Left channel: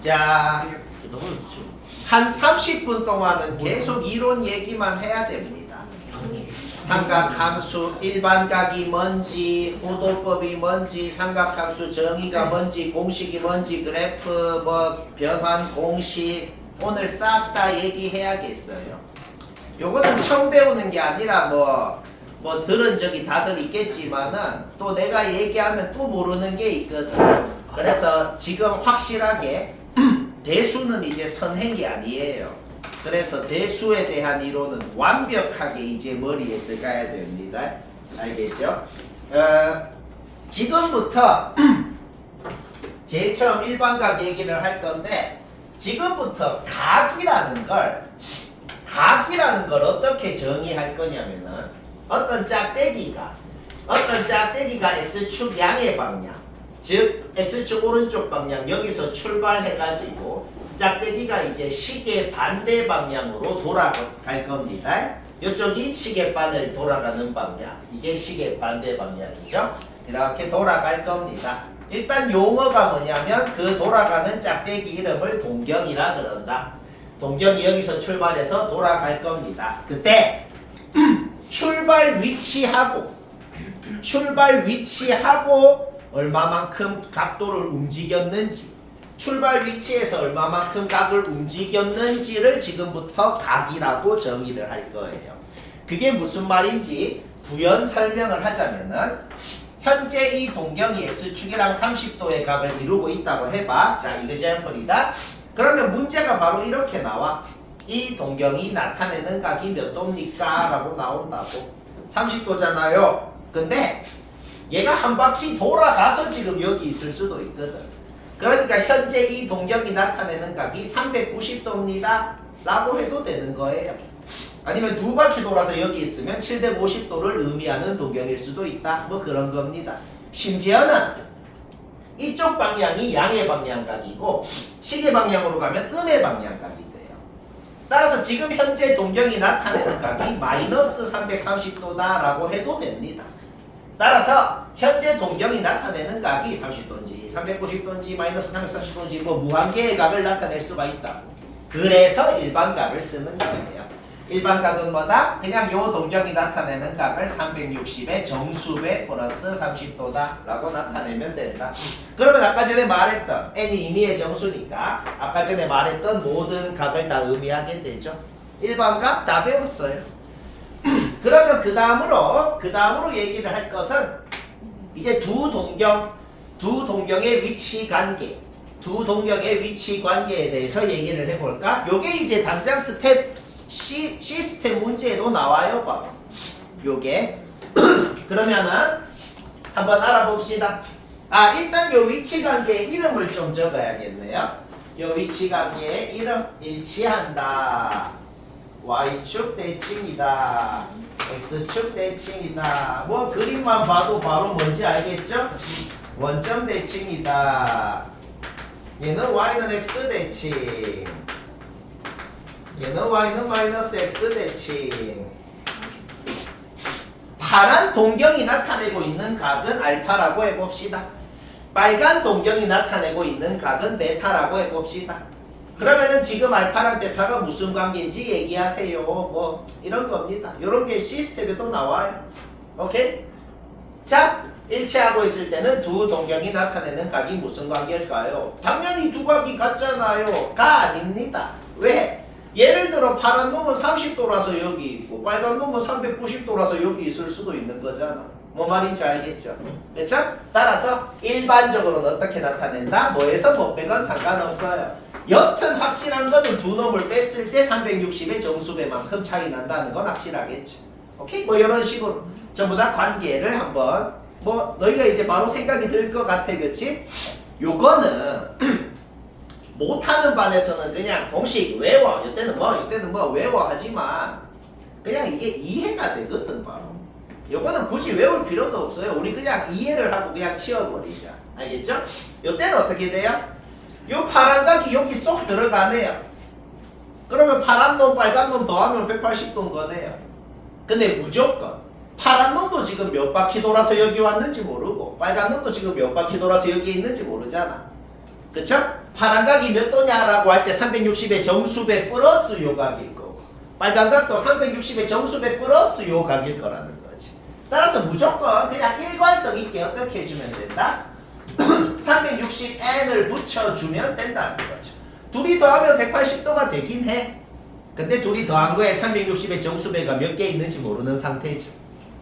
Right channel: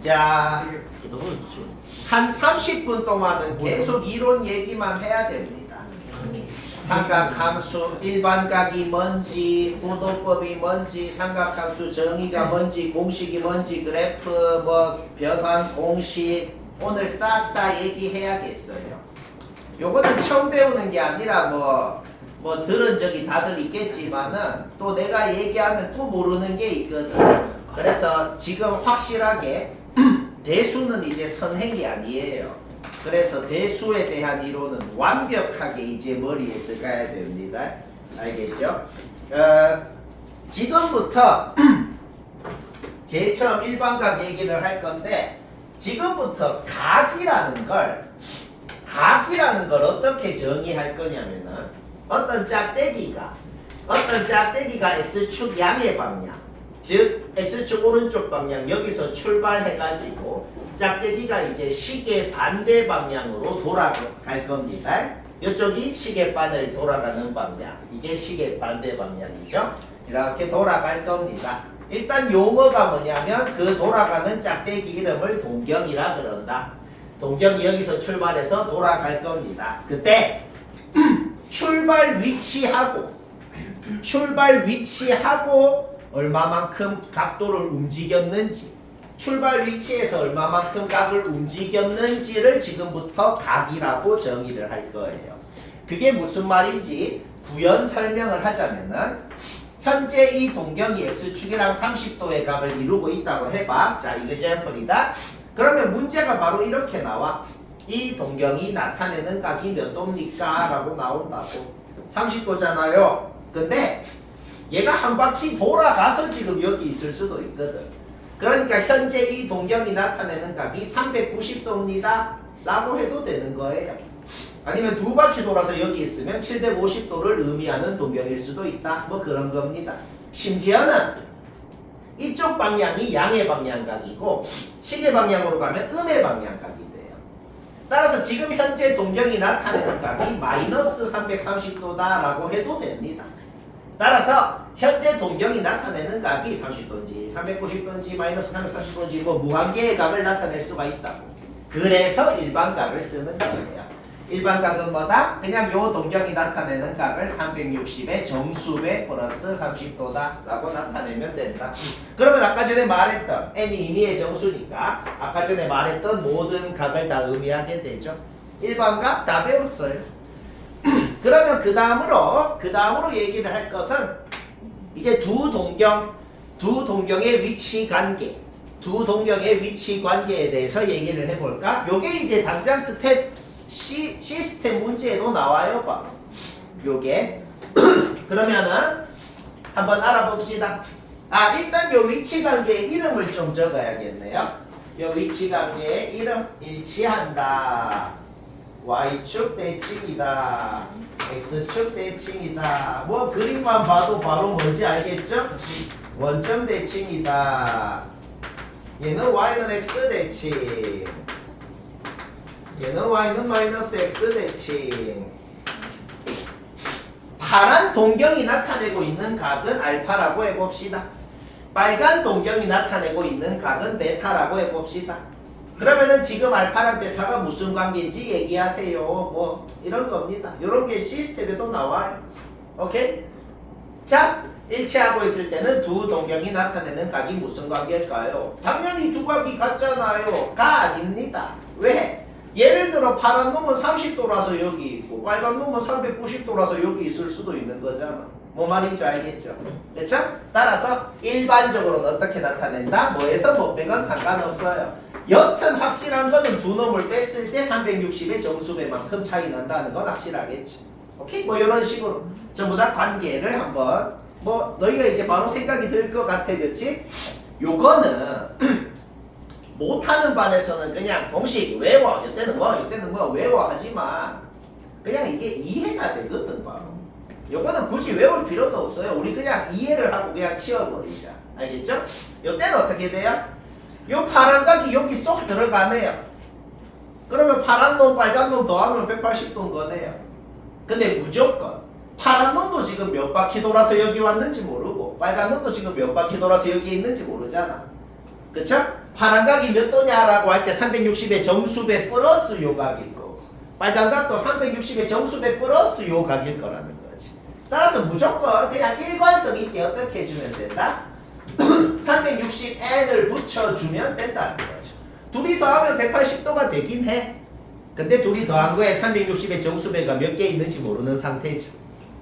자, 한 30분 동안은 계속 이론 얘기만 해야 됩니다. 삼각함수 일반각이 뭔지, 호도법이 뭔지, 삼각함수 정의가 뭔지, 공식이 뭔지, 그래프, 변환 공식 오늘 싹 다 얘기해야겠어요. 요거는 처음 배우는 게 아니라 들은 적이 다들 있겠지만은 또 내가 얘기하면 또 모르는 게 있거든. 그래서 지금 확실하게 대수는 이제 선행이 아니에요. 그래서 대수에 대한 이론은 완벽하게 이제 머리에 들어가야 됩니다. 알겠죠? 지금부터 제일 처음 일반각 얘기를 할 건데 지금부터 각이라는 걸 어떻게 정의할 거냐면은 어떤 짝대기가 x축 양의 방향, 즉 x축 오른쪽 방향 여기서 출발해가지고 짝대기가 이제 시계 반대 방향으로 돌아갈 겁니다. 이쪽이 시계바늘 돌아가는 방향, 이게 시계 반대 방향이죠. 이렇게 돌아갈 겁니다. 일단 용어가 뭐냐면 그 돌아가는 짝대기 이름을 동경이라 그런다. 동경이 여기서 출발해서 돌아갈 겁니다. 그때 출발 위치하고 얼마만큼 각도를 움직였는지, 출발 위치에서 얼마만큼 각을 움직였는지를 지금부터 각이라고 정의를 할 거예요. 그게 무슨 말인지 부연 설명을 하자면은 현재 이 동경이 x축이랑 30도의 각을 이루고 있다고 해봐. 자, example이다. 그러면 문제가 바로 이렇게 나와. 이 동경이 나타내는 각이 몇 도입니까? 라고 나온다고. 30도잖아요. 근데 얘가 한 바퀴 돌아가서 지금 여기 있을 수도 있거든. 그러니까 현재 이 동경이 나타내는 각이 390도입니다. 라고 해도 되는 거예요. 아니면 두 바퀴 돌아서 여기 있으면 750도를 의미하는 동경일 수도 있다. 그런 겁니다. 심지어는 이쪽 방향이 양의 방향각이고 시계 방향으로 가면 음의 방향각이 돼요. 따라서 지금 현재 동경이 나타내는 각이 마이너스 330도다 라고 해도 됩니다. 따라서 현재 동경이 나타내는 각이 30도인지 390도인지 마이너스 330도인지 무한개의 각을 나타낼 수가 있다고. 그래서 일반각을 쓰는 거예요. 일반각은 뭐다? 그냥 요 동경이 나타내는 각을 360의 정수배 플러스 30도다 라고 나타내면 된다. 그러면 아까 전에 말했던 n이 임의의 정수니까 아까 전에 말했던 모든 각을 다 의미하게 되죠. 일반각 다 배웠어요. 그러면 그 다음으로 얘기를 할 것은 이제 두 동경의 위치 관계, 에 대해서 얘기를 해볼까? 요게 이제 당장 시스템 문제에도 나와요. 바로 요게 그러면은 한번 알아봅시다. 일단 요 위치 관계의 이름을 좀 적어야겠네요. 요 위치 관계의 이름 일치한다. Y축 대칭이다. X축 대칭이다. 그림만 봐도 바로 뭔지 알겠죠? 원점 대칭이다. 얘는 Y는 X 대칭. 얘는 Y는 마이너스 X 대칭. 파란 동경이 나타내고 있는 각은 알파라고 해봅시다. 빨간 동경이 나타내고 있는 각은 베타라고 해봅시다. 그러면은 지금 알파랑 베타가 무슨 관계인지 얘기하세요. 이런 겁니다. 이런 게 시스템에도 나와요. 오케이? 자, 일치하고 있을 때는 두 동경이 나타내는 각이 무슨 관계일까요? 당연히 두 각이 같잖아요. 가 아닙니다. 왜? 예를 들어 파란 놈은 30도라서 여기 있고 빨간 놈은 390도라서 여기 있을 수도 있는 거잖아. 뭐 말인지 알겠죠? 그렇죠? 따라서 일반적으로는 어떻게 나타낸다? 뭐에서 뭐 빼건 상관없어요. 여튼 확실한 거는 두 놈을 뺐을 때 360의 정수배만큼 차이 난다는 건 확실하겠죠. 오케이? 이런 식으로 전부 다 관계를 한번 너희가 이제 바로 생각이 들 것 같아, 그치? 요거는 못하는 반에서는 그냥 공식 외워. 이때는 외워 하지만 그냥 이게 이해가 되거든 바로. 요거는 굳이 외울 필요도 없어요. 우리 그냥 이해를 하고 그냥 치워버리자. 알겠죠? 요때는 어떻게 돼요? 요 파란 각이 여기 쏙 들어가네요. 그러면 파란 놈 빨간 놈 더하면 180도인 거네요. 근데 무조건 파란 놈도 지금 몇 바퀴 돌아서 여기 왔는지 모르고 모르고 빨간 놈도 지금 몇 바퀴 돌아서 여기에 있는지 모르잖아. 그쵸? 파란 각이 몇 도냐라고 할 때 360의 정수배 플러스 요 각일 거고 빨간 각도 360의 정수배 플러스 요 각일 거라는 거지. 따라서 무조건 그냥 일관성 있게 어떻게 해주면 된다? 360n을 붙여주면 된다는 거죠. 둘이 더하면 180도가 되긴 해. 근데 둘이 더한 거에 360의 정수배가 몇 개 있는지 모르는 상태죠.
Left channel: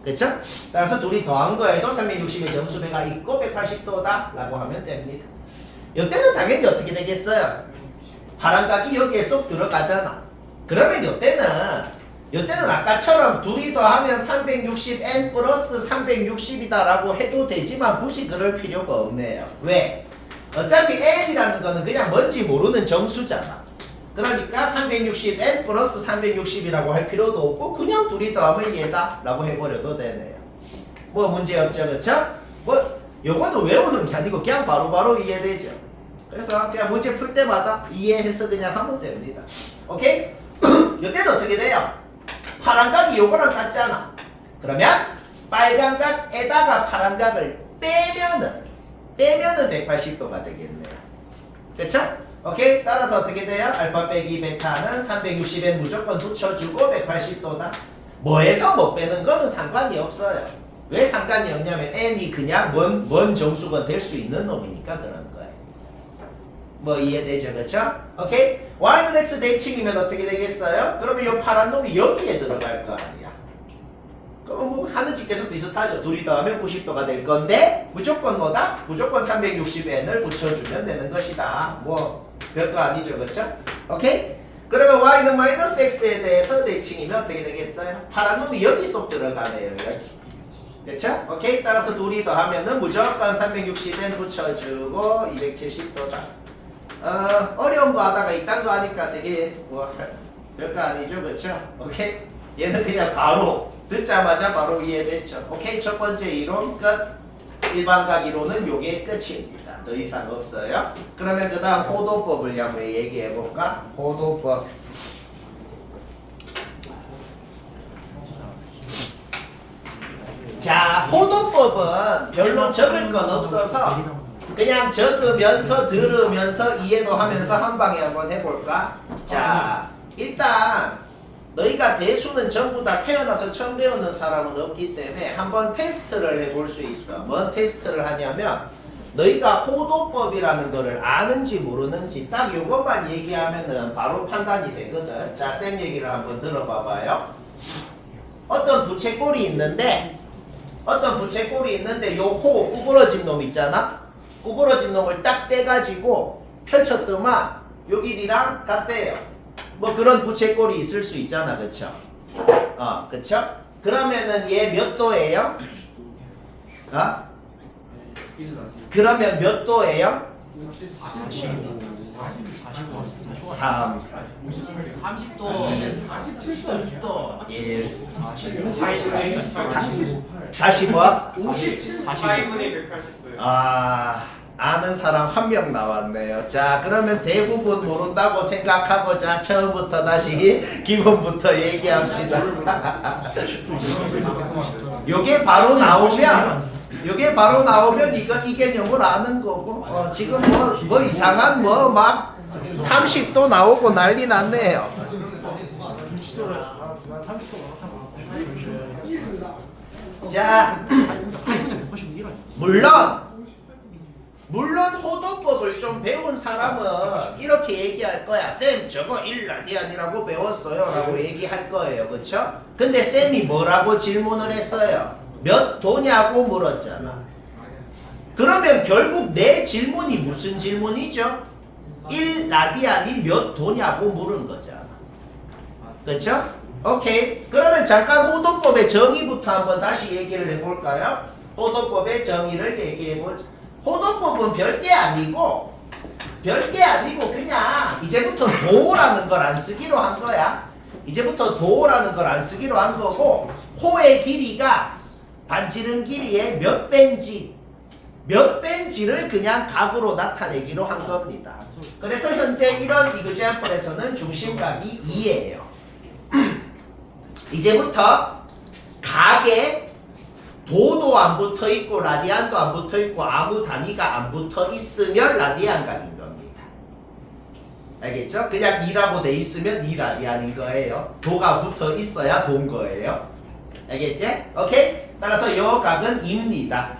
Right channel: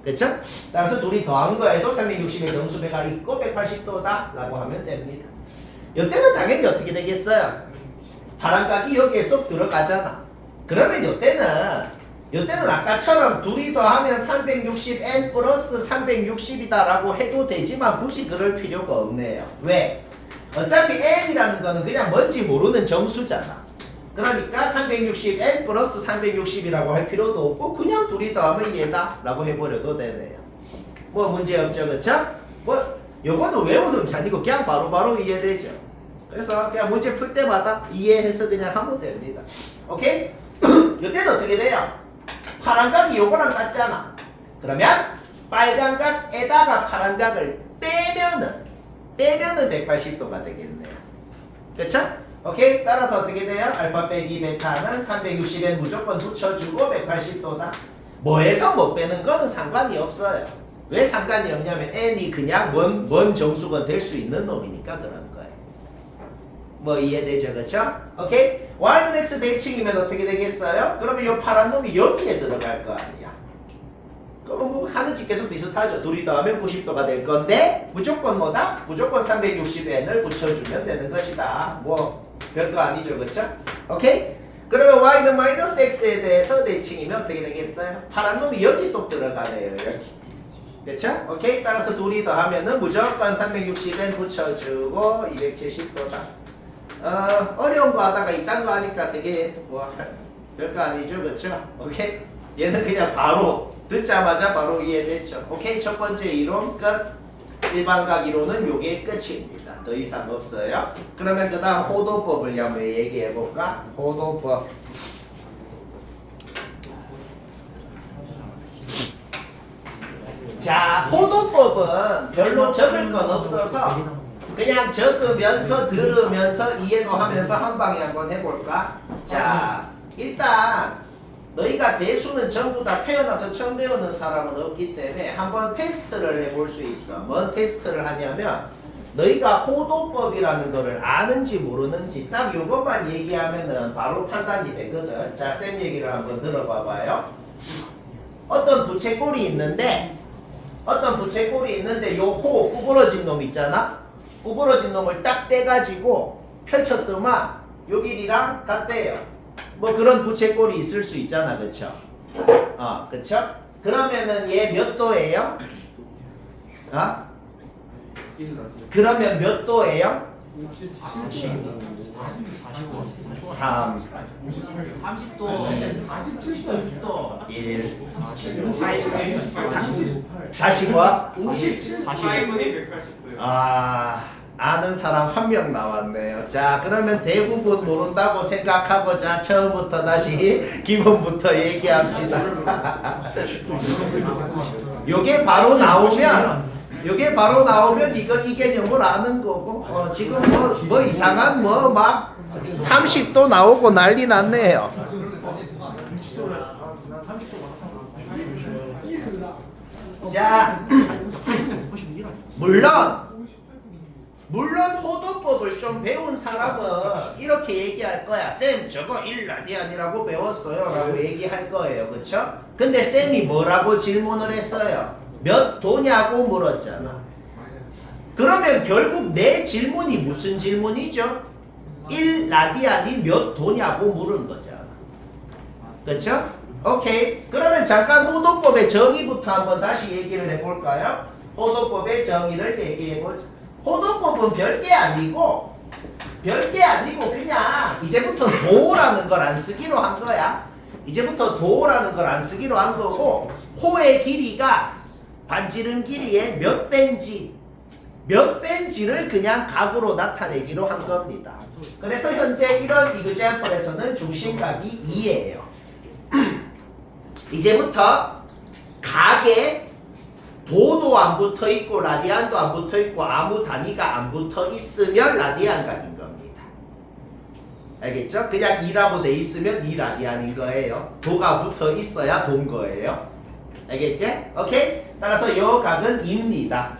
그쵸? 따라서 둘이 더한 거에도 360의 정수배가 있고 180도다 라고 하면 됩니다. 이때는 당연히 어떻게 되겠어요? 파란 각이 여기에 쏙 들어가잖아. 그러면 이때는 아까처럼 둘이 더하면 360n 플러스 360이다 라고 해도 되지만 굳이 그럴 필요가 없네요. 왜? 어차피 n이라는 거는 그냥 뭔지 모르는 정수잖아. 그러니까 360n 플러스 360이라고 할 필요도 없고 그냥 둘이 더하면 얘다 라고 해버려도 되네요. 뭐 문제 없죠, 그쵸? 뭐 요거는 외우는 게 아니고 그냥 바로바로 이해되죠. 그래서 그냥 문제 풀 때마다 이해해서 그냥 하면 됩니다. 오케이? 이때도 어떻게 돼요? 파란 각이 요거랑 같잖아. 그러면 빨간 각에다가 파란 각을 빼면은 180도가 되겠네요. 그쵸? 오케이? 따라서 어떻게 돼요? 알파 빼기 베타는 360엔 무조건 붙여주고 180도다. 뭐에서 못 빼는 거는 상관이 없어요. 왜 상관이 없냐면 n이 그냥 뭔 정수가 될 수 있는 놈이니까 그런 거예요. 뭐 이해되죠? 그쵸? 오케이? y는 x 대칭이면 어떻게 되겠어요? 그러면 이 파란 놈이 여기에 들어갈 거 아니야. 그럼 뭐 하느님께서 비슷하죠. 둘이 더하면 90도가 될 건데 무조건 뭐다? 무조건 360n을 붙여주면 되는 것이다. 뭐 별거 아니죠. 그쵸? 오케이? 그러면 y는 마이너스 x에 대해서 대칭이면 어떻게 되겠어요? 파란 놈이 여기 쏙 들어가네요. 여기. 그쵸? 오케이? 따라서 둘이 더하면은 무조건 360n 붙여주고 270도다. 어려운 거 하다가 이딴 거 하니까 되게 뭐 별거 아니죠. 그쵸? 오케이? 얘는 그냥 바로 듣자마자 바로 이해됐죠. 오케이? 첫 번째 이론 끝. 일반각 이론은 요게 끝입니다. 더 이상 없어요. 그러면 그 다음 호도법을 한번 얘기해 볼까? 호도법. 자, 호도법은 별로 적을 건 없어서 그냥 적으면서 들으면서 이해도 하면서 한 방에 한번 해볼까? 자, 일단 너희가 대수는 전부 다 태어나서 처음 배우는 사람은 없기 때문에 한번 테스트를 해볼 수 있어. 뭔 테스트를 하냐면 너희가 호도법이라는 거를 아는지 모르는지 딱 요것만 얘기하면은 바로 판단이 되거든. 자, 쌤 얘기를 한번 들어봐봐요. 어떤 부채꼴이 있는데 요 호 구부러진 놈 있잖아. 구부러진 놈을 딱 떼가지고 펼쳤더만 요 길이랑 같대요. 뭐 그런 부채꼴이 있을 수 있잖아. 그쵸? 그쵸? 그러면은 얘 몇 도예요? 그러면 몇 도예요? 3 30도, 70도, 60도, 1 40, 다시 뭐? 4분의 180도요. 아는 사람 한 명 나왔네요. 자, 그러면 대부분 모른다고 생각하고 자 처음부터 다시 기본부터 얘기합시다. 요게 바로 나오면 이 개념을 아는 거고 지금 뭐 이상한 뭐 막 30도 나오고 난리 났네요. 자, 물론 호도법을 좀 배운 사람은 이렇게 얘기할 거야. 쌤 저거 1라디안이라고 배웠어요 라고 얘기할 거예요. 그쵸? 근데 쌤이 뭐라고 질문을 했어요? 몇 도냐고 물었잖아. 그러면 결국 내 질문이 무슨 질문이죠? 1라디안이 몇 도냐고 물은 거잖아. 그쵸? 오케이. 그러면 잠깐 호도법의 정의부터 한번 다시 얘기를 해볼까요? 호도법의 정의를 얘기해보자. 호도법은 별게 아니고 그냥 이제부터 도라는 걸 안 쓰기로 한 거야. 이제부터 도라는 걸 안 쓰기로 한 거고 호의 길이가 반지름 길이의 몇 배인지를 그냥 각으로 나타내기로 한 겁니다. 그래서 현재 이런 이그잼플에서는 중심각이 2예요. 이제부터 각의 도도 안 붙어 있고 라디안도 안 붙어 있고 아무 단위가 안 붙어 있으면 라디안 각인 겁니다. 알겠죠? 그냥 2라고 돼 있으면 2 라디안인 거예요. 도가 붙어 있어야 도인 거예요. 알겠지? 오케이? 따라서 요 각은 2입니다.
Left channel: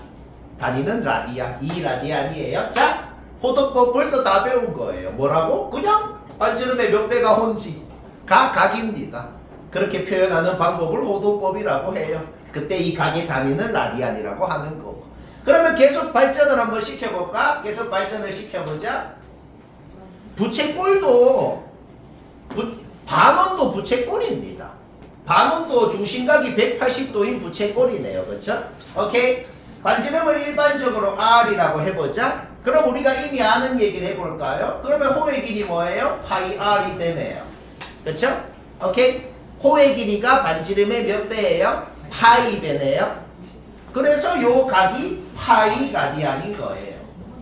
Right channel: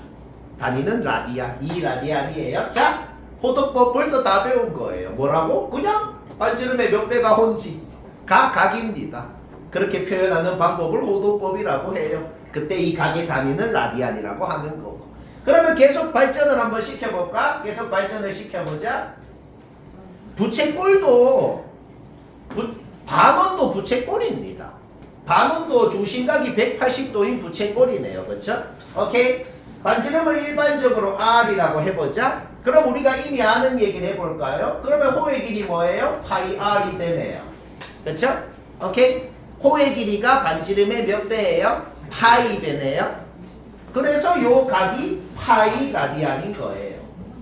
단위는 라디안, 2 라디안이에요. 자, 호도법 벌써 다 배운 거예요. 뭐라고? 그냥 반지름의 몇 배가 혼지가 각입니다. 그렇게 표현하는 방법을 호도법이라고 해요. 그때 이 각의 단위는 라디안이라고 하는 거고. 그러면 계속 발전을 한번 시켜볼까? 계속 발전을 시켜보자. 부채꼴도 반원도 부채꼴입니다. 반원도 중심각이 180도인 부채꼴이네요. 그렇죠? 오케이? 반지름을 일반적으로 R이라고 해보자. 그럼 우리가 이미 아는 얘기를 해볼까요? 그러면 호의 길이 뭐예요? 파이 R이 되네요. 그렇죠? 오케이? 호의 길이가 반지름의 몇 배예요? 파이 배네요. 그래서 요 각이 파이 라디안인 거예요.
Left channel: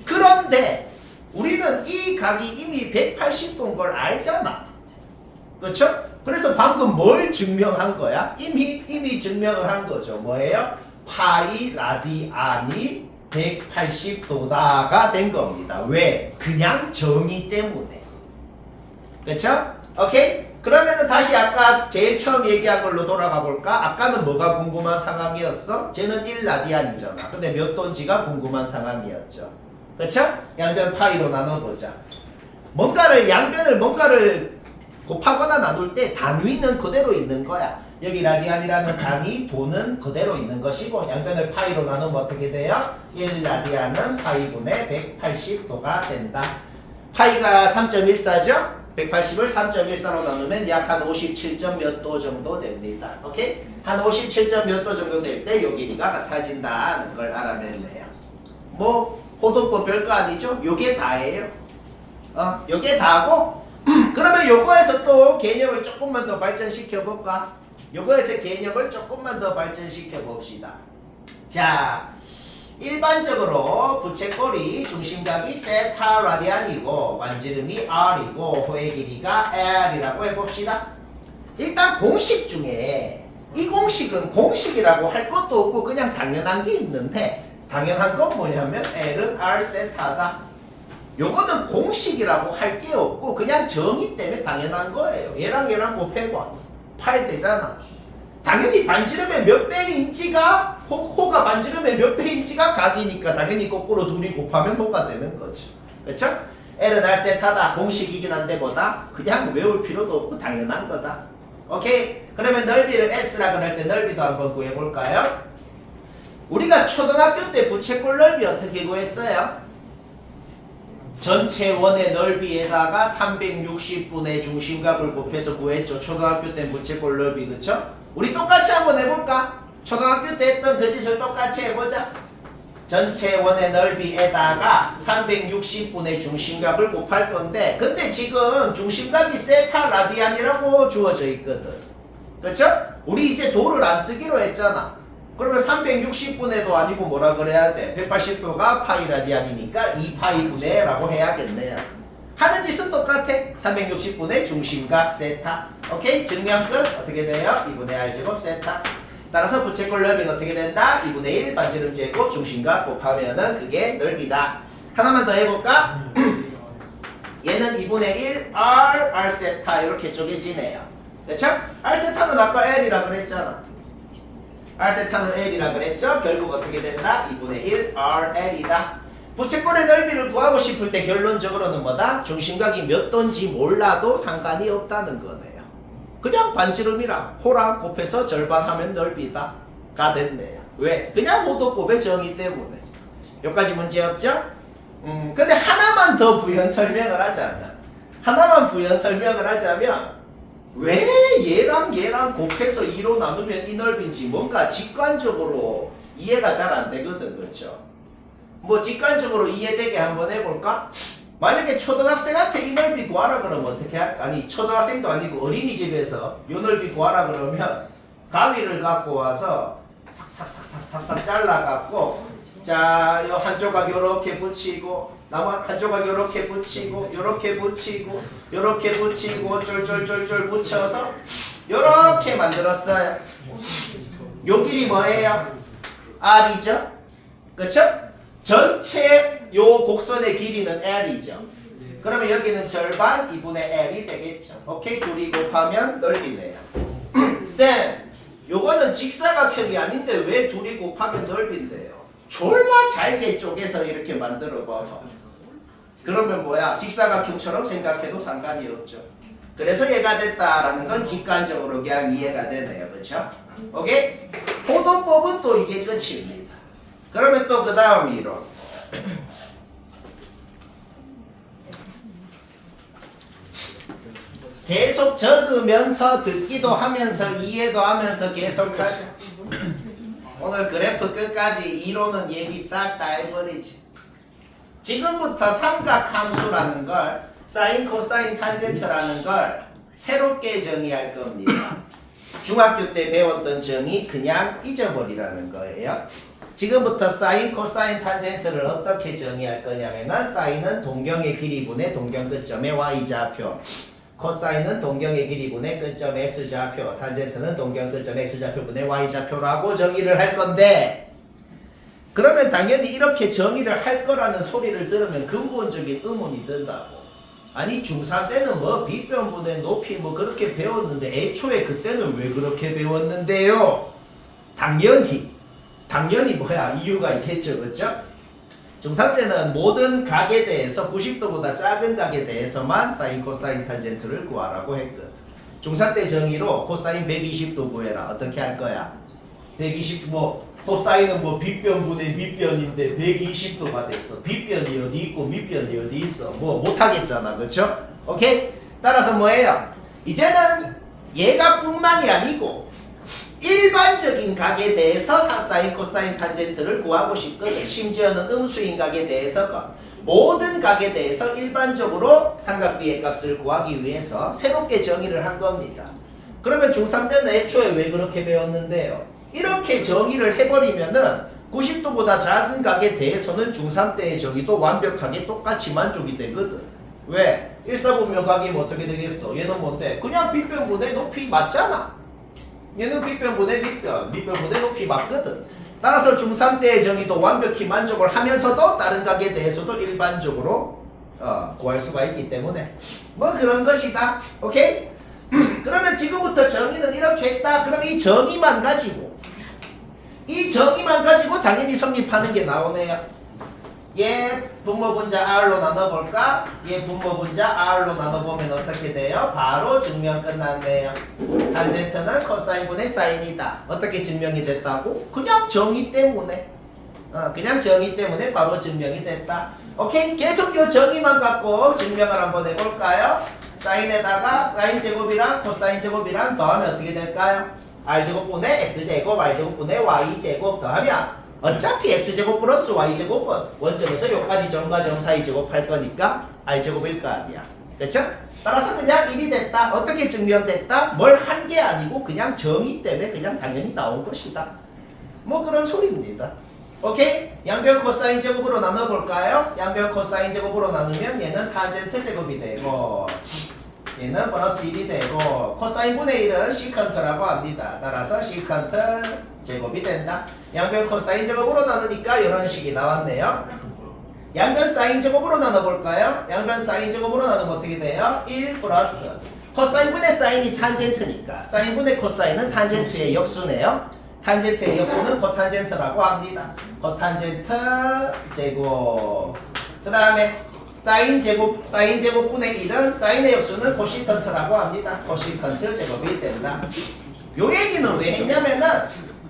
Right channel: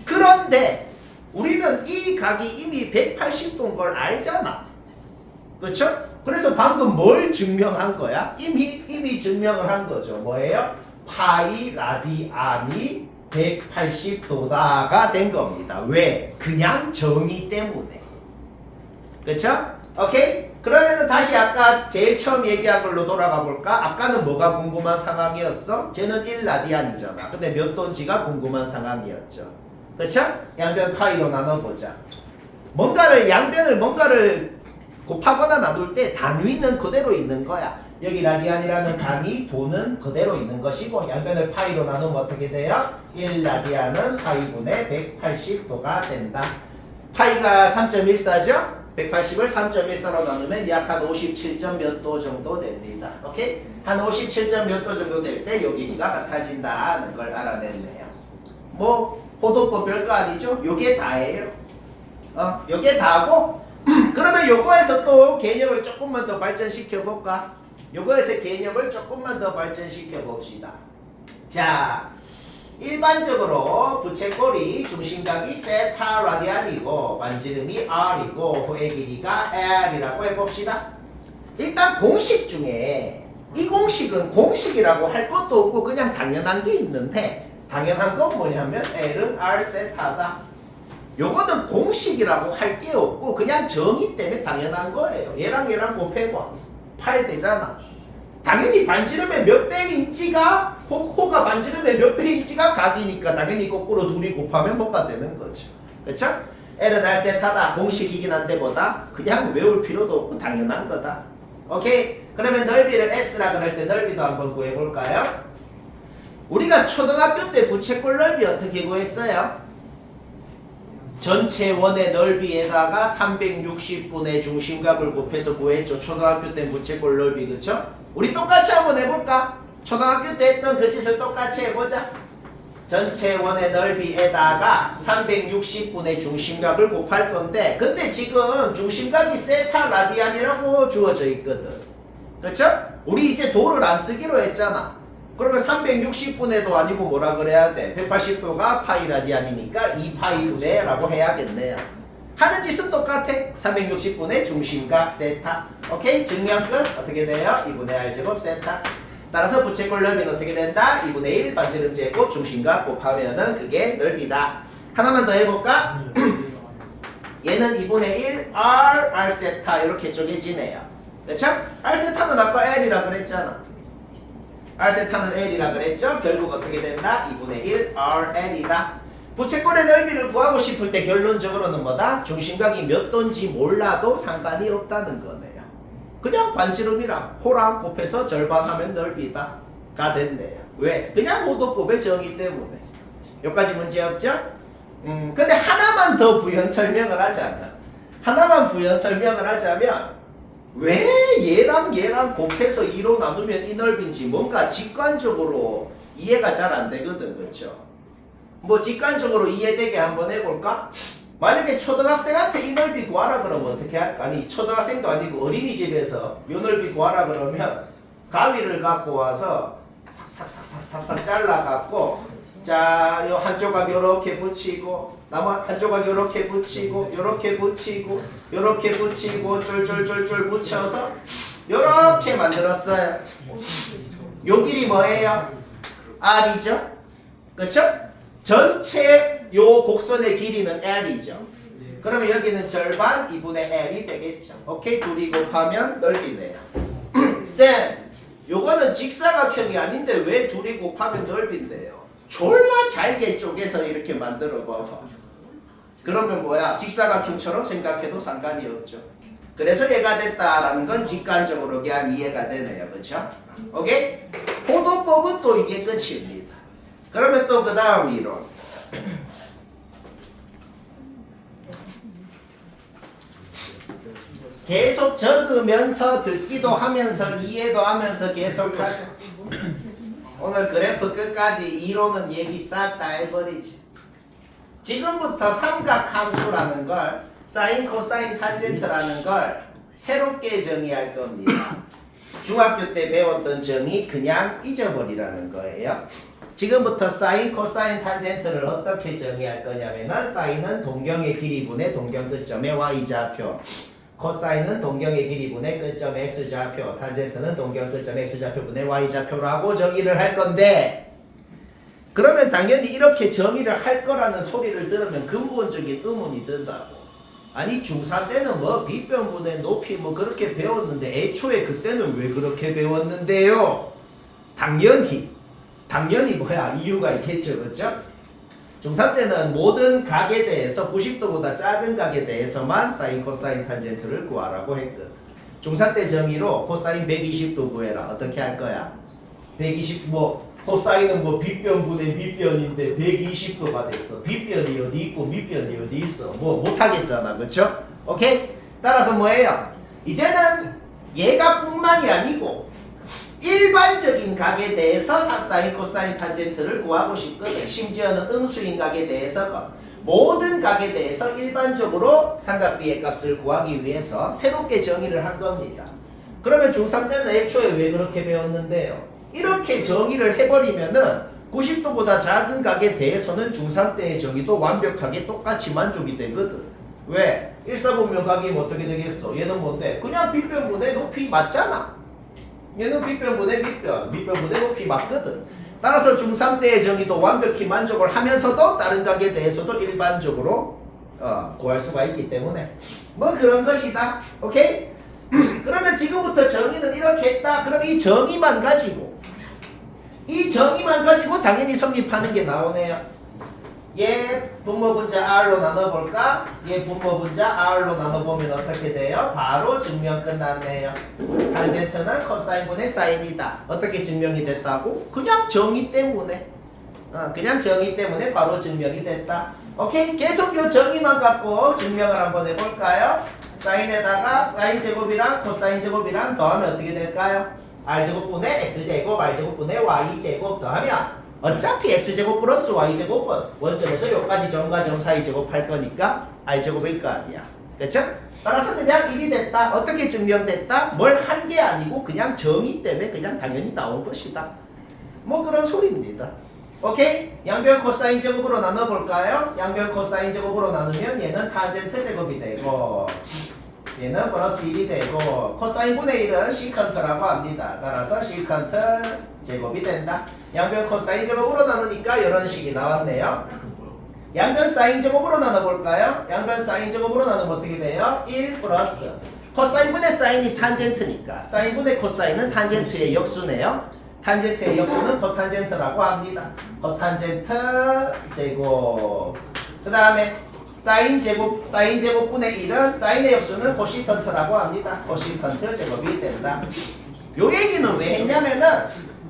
그런데 우리는 이 각이 이미 180도인 걸 알잖아. 그렇죠? 그래서 방금 뭘 증명한 거야? 이미 증명을 한 거죠. 뭐예요? 파이 라디안이 180도다가 된 겁니다. 왜? 그냥 정의 때문에. 그렇죠? 오케이? 그러면은 다시 아까 제일 처음 얘기한 걸로 돌아가 볼까? 아까는 뭐가 궁금한 상황이었어? 쟤는 1라디안이잖아. 근데 몇 도인지가 궁금한 상황이었죠. 그렇죠? 양변 파이로 나눠보자. 양변을 뭔가를 곱하거나 나눌 때 단위는 그대로 있는 거야. 여기 라디안이라는 단위, 도는 그대로 있는 것이고 양변을 파이로 나누면 어떻게 돼요? 1라디안은 파이분의 180도가 된다. 파이가 3.14죠? 180을 3.14로 나누면 약 한 57점 몇 도 정도 됩니다. 오케이? 한 57점 몇 도 정도 될 때 요 길이가 같아진다는 걸 알아냈네요. 뭐 호도법 별거 아니죠? 요게 다예요. 요게 다고 그러면 요거에서 또 개념을 조금만 더 발전시켜 볼까? 요거에서 개념을 조금만 더 발전시켜 봅시다. 자, 일반적으로 부채꼴이 중심각이 세타 라디안이고 반지름이 R이고 호의 길이가 L이라고 해봅시다. 일단 공식 중에 이 공식은 공식이라고 할 것도 없고 그냥 당연한 게 있는데 당연한 건 뭐냐면 L은 R 세타다. 요거는 공식이라고 할 게 없고 그냥 정의 때문에 당연한 거예요. 얘랑 곱해봐. 8 되잖아. 당연히 반지름의 몇 배인지가 호가 반지름의 몇 배인지가 각이니까 당연히 거꾸로 둘이 곱하면 호가 되는 거죠. 그렇죠? L은 R 세타다. 공식이긴 한데 보다 그냥 외울 필요도 없고 당연한 거다. 오케이? 그러면 넓이를 S라 그럴 때 넓이도 한번 구해볼까요? 우리가 초등학교 때 부채꼴 넓이 어떻게 구했어요? 전체 원의 넓이에다가 360분의 중심각을 곱해서 구했죠. 초등학교 때 부채꼴 넓이. 그쵸? 우리 똑같이 한번 해볼까? 초등학교 때 했던 그 짓을 똑같이 해보자. 전체 원의 넓이에다가 360분의 중심각을 곱할 건데 근데 지금 중심각이 세타 라디안이라고 주어져 있거든. 그쵸? 우리 이제 도를 안 쓰기로 했잖아. 그러면 360분의도 아니고 뭐라 그래야 돼? 180도가 파이 라디안이니까 2파이분의 라고 해야겠네요. 하는 짓은 똑같아. 360분의 중심각 세타. 오케이? 증명 끝. 어떻게 돼요? 2분의 R제곱 세타. 따라서 부채꼴 넓이는 어떻게 된다? 2분의 1 반지름 제곱 중심각 곱하면은 그게 넓이다. 하나만 더 해볼까? 얘는 2분의 1 R 세타 이렇게 쪼개지네요. 그렇죠? R 세타는 아까 L이라 그랬잖아. R 세타는 L이라 그랬죠? 결국 어떻게 된다? 2분의 1 RL이다. 부채꼴의 넓이를 구하고 싶을 때 결론적으로는 뭐다? 중심각이 몇 도인지 몰라도 상관이 없다는 거네요. 그냥 반지름이랑 호랑 곱해서 절반하면 넓이다 가 됐네요. 왜? 그냥 호도법의 정의 때문에. 여기까지 문제 없죠? 근데 하나만 더 부연 설명을 하자면 왜 얘랑 곱해서 2로 나누면 이 넓이인지 뭔가 직관적으로 이해가 잘 안 되거든. 그렇죠? 뭐 직관적으로 이해되게 한번 해볼까? 만약에 초등학생한테 이 넓이 구하라 그러면 어떻게 할까? 아니 초등학생도 아니고 어린이집에서 이 넓이 구하라 그러면 가위를 갖고 와서 삭삭삭삭삭 잘라갖고 자, 요 한 조각 요렇게 붙이고 나무 한 조각 요렇게 붙이고 요렇게 붙이고 요렇게 붙이고 쫄쫄쫄쫄 붙여서 요렇게 만들었어요. 요 길이 뭐예요? R이죠. 그렇죠? 전체 요 곡선의 길이는 L이죠. 그러면 여기는 절반 2분의 L이 되겠죠. 오케이? 둘이 곱하면 넓이네요. 쌤, 요거는 직사각형이 아닌데 왜 둘이 곱하면 넓인데요? 졸라 잘게 쪼개서 이렇게 만들어 봐봐. 그러면 뭐야? 직사각형처럼 생각해도 상관이 없죠. 그래서 얘가 됐다라는 건 직관적으로 그냥 이해가 되네요. 그렇죠? 오케이? 포도법은 또 이게 끝입니다. 그러면 또 그 다음 이론. 계속 적으면서 듣기도 하면서 이해도 하면서 계속 가자. 오늘 그래프 끝까지 이론은 얘기 싹 다 해버리지. 지금부터 삼각함수라는 걸 사인, 코사인, 탄젠트라는 걸 새롭게 정의할 겁니다. 중학교 때 배웠던 정의 그냥 잊어버리라는 거예요. 지금부터 사인, 코사인, 탄젠트를 어떻게 정의할 거냐면은 사인은 동경의 길이분의 동경 끝점의 y좌표, 코사인은 동경의 길이분의 끝점 x좌표, 탄젠트는 동경 끝점 x좌표분의 y좌표라고 정의를 할 건데, 그러면 당연히 이렇게 정의를 할 거라는 소리를 들으면 근본적인 의문이 든다고. 아니 중3 때는 뭐 빗변분의 높이 뭐 그렇게 배웠는데 애초에 그때는 왜 그렇게 배웠는데요? 당연히 뭐야 이유가 있겠죠. 그렇죠? 중3 때는 모든 각에 대해서 90도보다 작은 각에 대해서만 사인, 코사인, 탄젠트를 구하라고 했거든. 중3 때 정의로 코사인 120도 구해라. 어떻게 할 거야? 120 뭐 코사인은 뭐 빗변분의 밑변인데 120도가 됐어. 빗변이 어디 있고 밑변이 어디 있어. 뭐 못하겠잖아. 그렇죠? 오케이? 따라서 뭐예요? 이제는 얘가 뿐만이 아니고 일반적인 각에 대해서 사인, 코사인, 탄젠트를 구하고 싶거든. 심지어는 음수인 각에 대해서 모든 각에 대해서 일반적으로 삼각비의 값을 구하기 위해서 새롭게 정의를 한 겁니다. 그러면 중3 때는 애초에 왜 그렇게 배웠는데요? 이렇게 정의를 해버리면은 90도보다 작은 각에 대해서는 중3 때의 정의도 완벽하게 똑같이 만족이 되거든. 왜? 일사분면 각이면 어떻게 되겠어? 얘는 뭔데? 그냥 빗변분의 높이 맞잖아. 얘는 빗변분의 밑변분의 높이 맞거든. 따라서 중3 때의 정의도 완벽히 만족을 하면서도 다른 각에 대해서도 일반적으로 구할 수가 있기 때문에 뭐 그런 것이다. 오케이? 그러면 지금부터 정의는 이렇게 했다. 그럼 이 정의만 가지고 당연히 성립하는 게 나오네요. 얘 분모분자 R로 나눠볼까? 얘 분모분자 R로 나눠보면 어떻게 돼요? 바로 증명 끝났네요. 탄젠트는 코사인분의 사인이다. 어떻게 증명이 됐다고? 그냥 정의 때문에 바로 증명이 됐다. 오케이? 계속 이 정의만 갖고 증명을 한번 해볼까요? 사인에다가 사인 제곱이랑 코사인 제곱이랑 더하면 어떻게 될까요? R제곱분의 X제곱, R제곱분의 Y제곱 더하면 어차피 X제곱 플러스 Y제곱은 원점에서 여기까지 점과 점 사이 제곱할 거니까 R제곱일 거 아니야. 그쵸? 따라서 그냥 1이 됐다. 어떻게 증명됐다? 뭘 한 게 아니고 그냥 정의 때문에 그냥 당연히 나온 것이다. 뭐 그런 소리입니다. 오케이? 양변 코사인 제곱으로 나눠볼까요? 양변 코사인 제곱으로 나누면 얘는 탄젠트 제곱이 되고 얘는 플러스 1이 되고 코사인분의 1은 시컨트라고 합니다. 따라서 시컨트 제곱이 된다. 양변 코사인 제곱으로 나누니까 이런 식이 나왔네요. 양변 사인 제곱으로 나눠볼까요? 양변 사인 제곱으로 나누면 어떻게 돼요? 1 플러스 코사인분의 사인이 탄젠트니까 사인분의 코사인은 탄젠트의 역수네요. 탄젠트의 역수는 코탄젠트라고 합니다. 코탄젠트 제곱. 그 다음에 사인 제곱분의 1은 사인의 역수는 코시컨트라고 합니다. 코시컨트 제곱이 된다. 요 얘기는 왜 했냐면은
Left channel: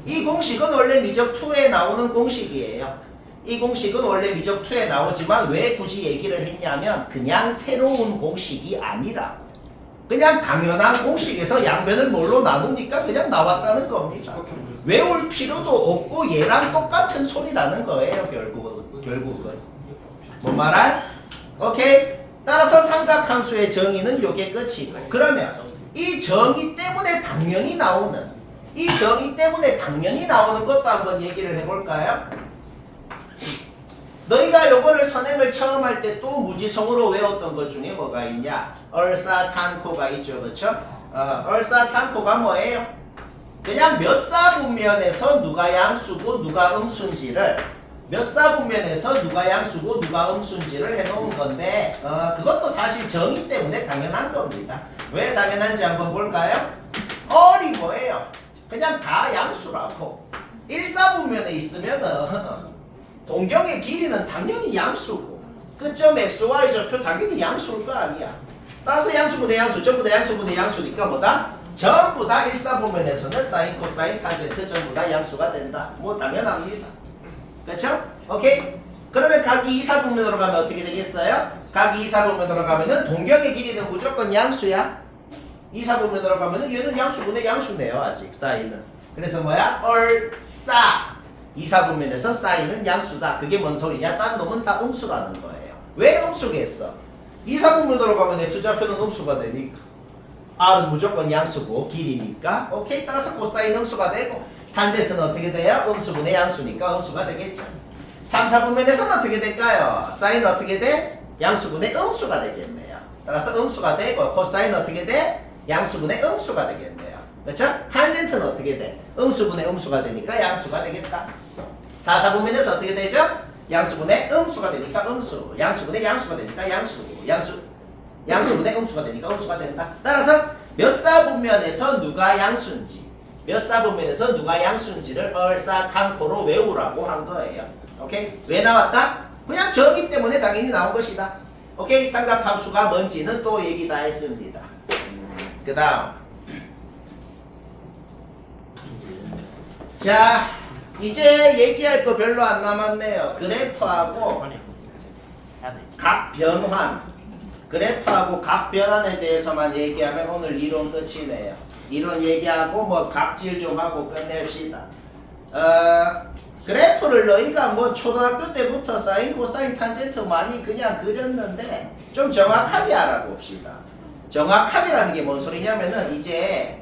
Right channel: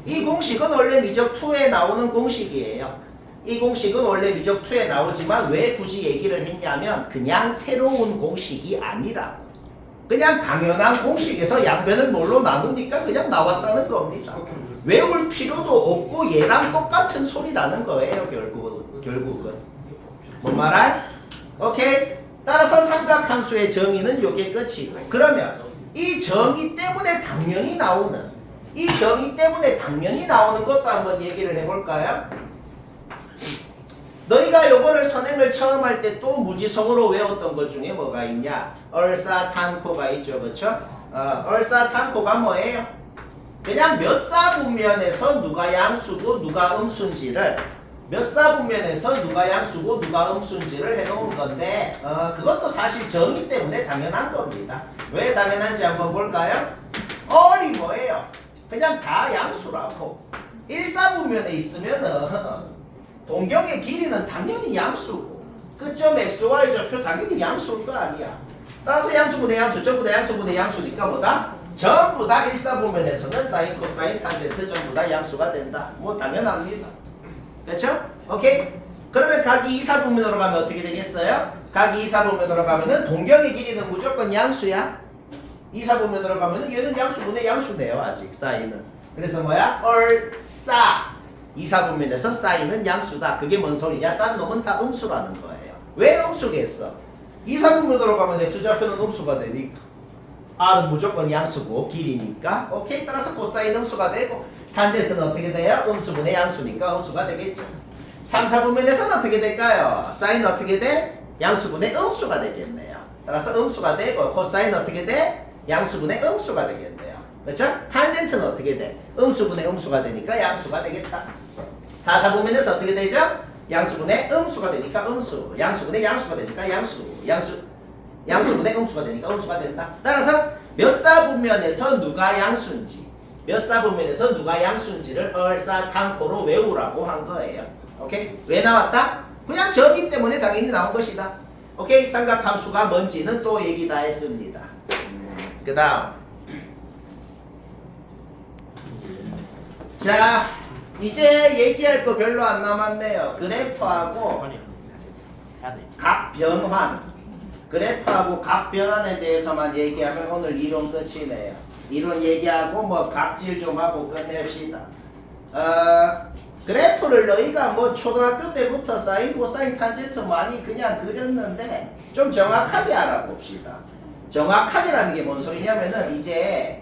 이 공식은 원래 미적 2에 나오는 공식이에요. 이 공식은 원래 미적 2에 나오지만 왜 굳이 얘기를 했냐면 그냥 새로운 공식이 아니라고. 그냥 당연한 공식에서 양변을 뭘로 나누니까 그냥 나왔다는 겁니다. 외울 필요도 없고 얘랑 똑같은 소리라는 거예요. 결국은. 뭔 말할? 오케이? 따라서 삼각함수의 정의는 요게 끝이고, 그러면 이 정의 때문에 당연히 나오는 것도 한번 얘기를 해볼까요? 너희가 요거를 선행을 처음 할 때 또 무지성으로 외웠던 것 중에 뭐가 있냐? 얼사탄코가 있죠. 그쵸? 얼사탄코가 뭐예요? 그냥 몇 사분면에서 누가 양수고 누가 음수인지를 몇 사분면에서 누가 양수고 누가 음수인지를 해놓은 건데 그것도 사실 정의 때문에 당연한 겁니다. 왜 당연한지 한번 볼까요? 어리 뭐예요? 그냥 다 양수라고. 1사분면에 있으면은 동경의 길이는 당연히 양수고 끝점 xy 좌표 당연히 양수일 거 아니야. 따라서 양수분의 양수 전부 다 양수분의 양수니까 뭐다? 전부 다 1사분면에서는 사인 코사인 탄젠트 전부 다 양수가 된다. 뭐 당연합니다. 그렇죠? 오케이? 그러면 각이 2사분면으로 가면 어떻게 되겠어요? 각이 2사분면으로 가면은 동경의 길이는 무조건 양수야. 2사분면으로 가면은 얘는 양수분의 양수네요. 아직 사인은. 그래서 뭐야? 얼싸 2사분면에서 사인은 양수다. 그게 뭔 소리냐? 딴 놈은 다 음수라는 거예요. 왜 음수겠어? 2사분면으로 가면 x좌표는 음수가 되니까 r은 무조건 양수고 길이니까 오케이. 따라서 코사인 음수가 되고 탄젠트는 어떻게 돼요? 음수분의 양수니까 음수가 되겠죠. 3사분면에서는 어떻게 될까요? 사인 어떻게 돼? 양수분의 음수가 되겠네요. 따라서 음수가 되고 코사인 어떻게 돼? 양수분의 음수가 되겠네요. 그렇죠? 탄젠트는 어떻게 돼? 음수분의 음수가 되니까 양수가 되겠다. 4사분면에서 어떻게 되죠? 양수분의 음수가 되니까 음수, 양수분의 양수가 되니까 양수분의 음수가 되니까 음수가 된다. 따라서 몇 사분면에서 누가 양수인지, 몇 사분면에서 누가 양수인지를 얼싸탕코로 외우라고 한 거예요. 오케이? 왜 나왔다? 그냥 정의 때문에 당연히 나온 것이다. 오케이? 삼각함수가 뭔지는 또 얘기 다 했습니다. 그 다음 자 이제 얘기할 거 별로 안 남았네요. 그래프하고 각 변환, 그래프하고 각 변환에 대해서만 얘기하면 오늘 이론 끝이네요. 이론 얘기하고 뭐 각질 좀 하고 끝냅시다. 그래프를 너희가 뭐 초등학교 때부터 사인, 코사인, 탄젠트 많이 그냥 그렸는데 좀 정확하게 알아봅시다. 정확하게라는 게 뭔 소리냐면은 이제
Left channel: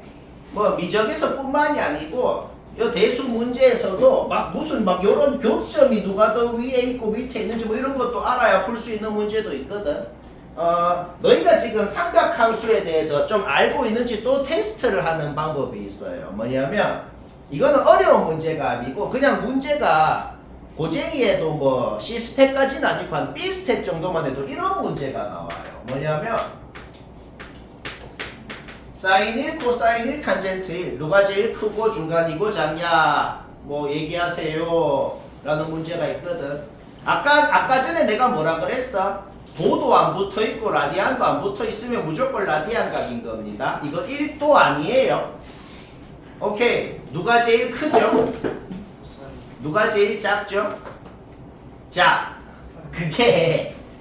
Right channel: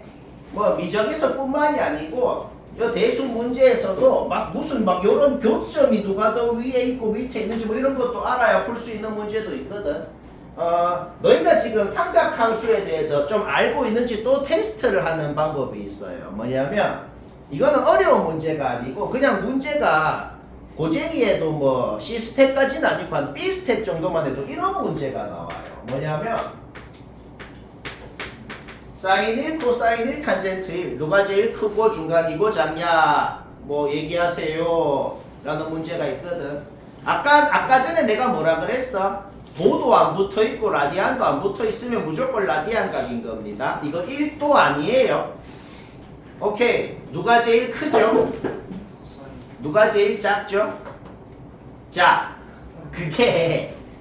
뭐 미적에서뿐만이 아니고 이 대수 문제에서도 막 무슨 막 요런 교점이 누가 더 위에 있고 밑에 있는지 뭐 이런 것도 알아야 풀 수 있는 문제도 있거든. 너희가 지금 삼각함수에 대해서 좀 알고 있는지 또 테스트를 하는 방법이 있어요. 뭐냐면 이거는 어려운 문제가 아니고 그냥 문제가 고쟁이에도 뭐 C스텝까지는 아니고 한 B스텝 정도만 해도 이런 문제가 나와요. 뭐냐면 사인 1, 코사인 1, 탄젠트 1 누가 제일 크고 중간이고 작냐 뭐 얘기하세요 라는 문제가 있거든. 아까 전에 내가 뭐라 그랬어? 도도 안 붙어있고 라디안도 안 붙어있으면 무조건 라디안 각인 겁니다. 이거 1도 아니에요. 오케이. 누가 제일 크죠? 누가 제일 작죠? 자,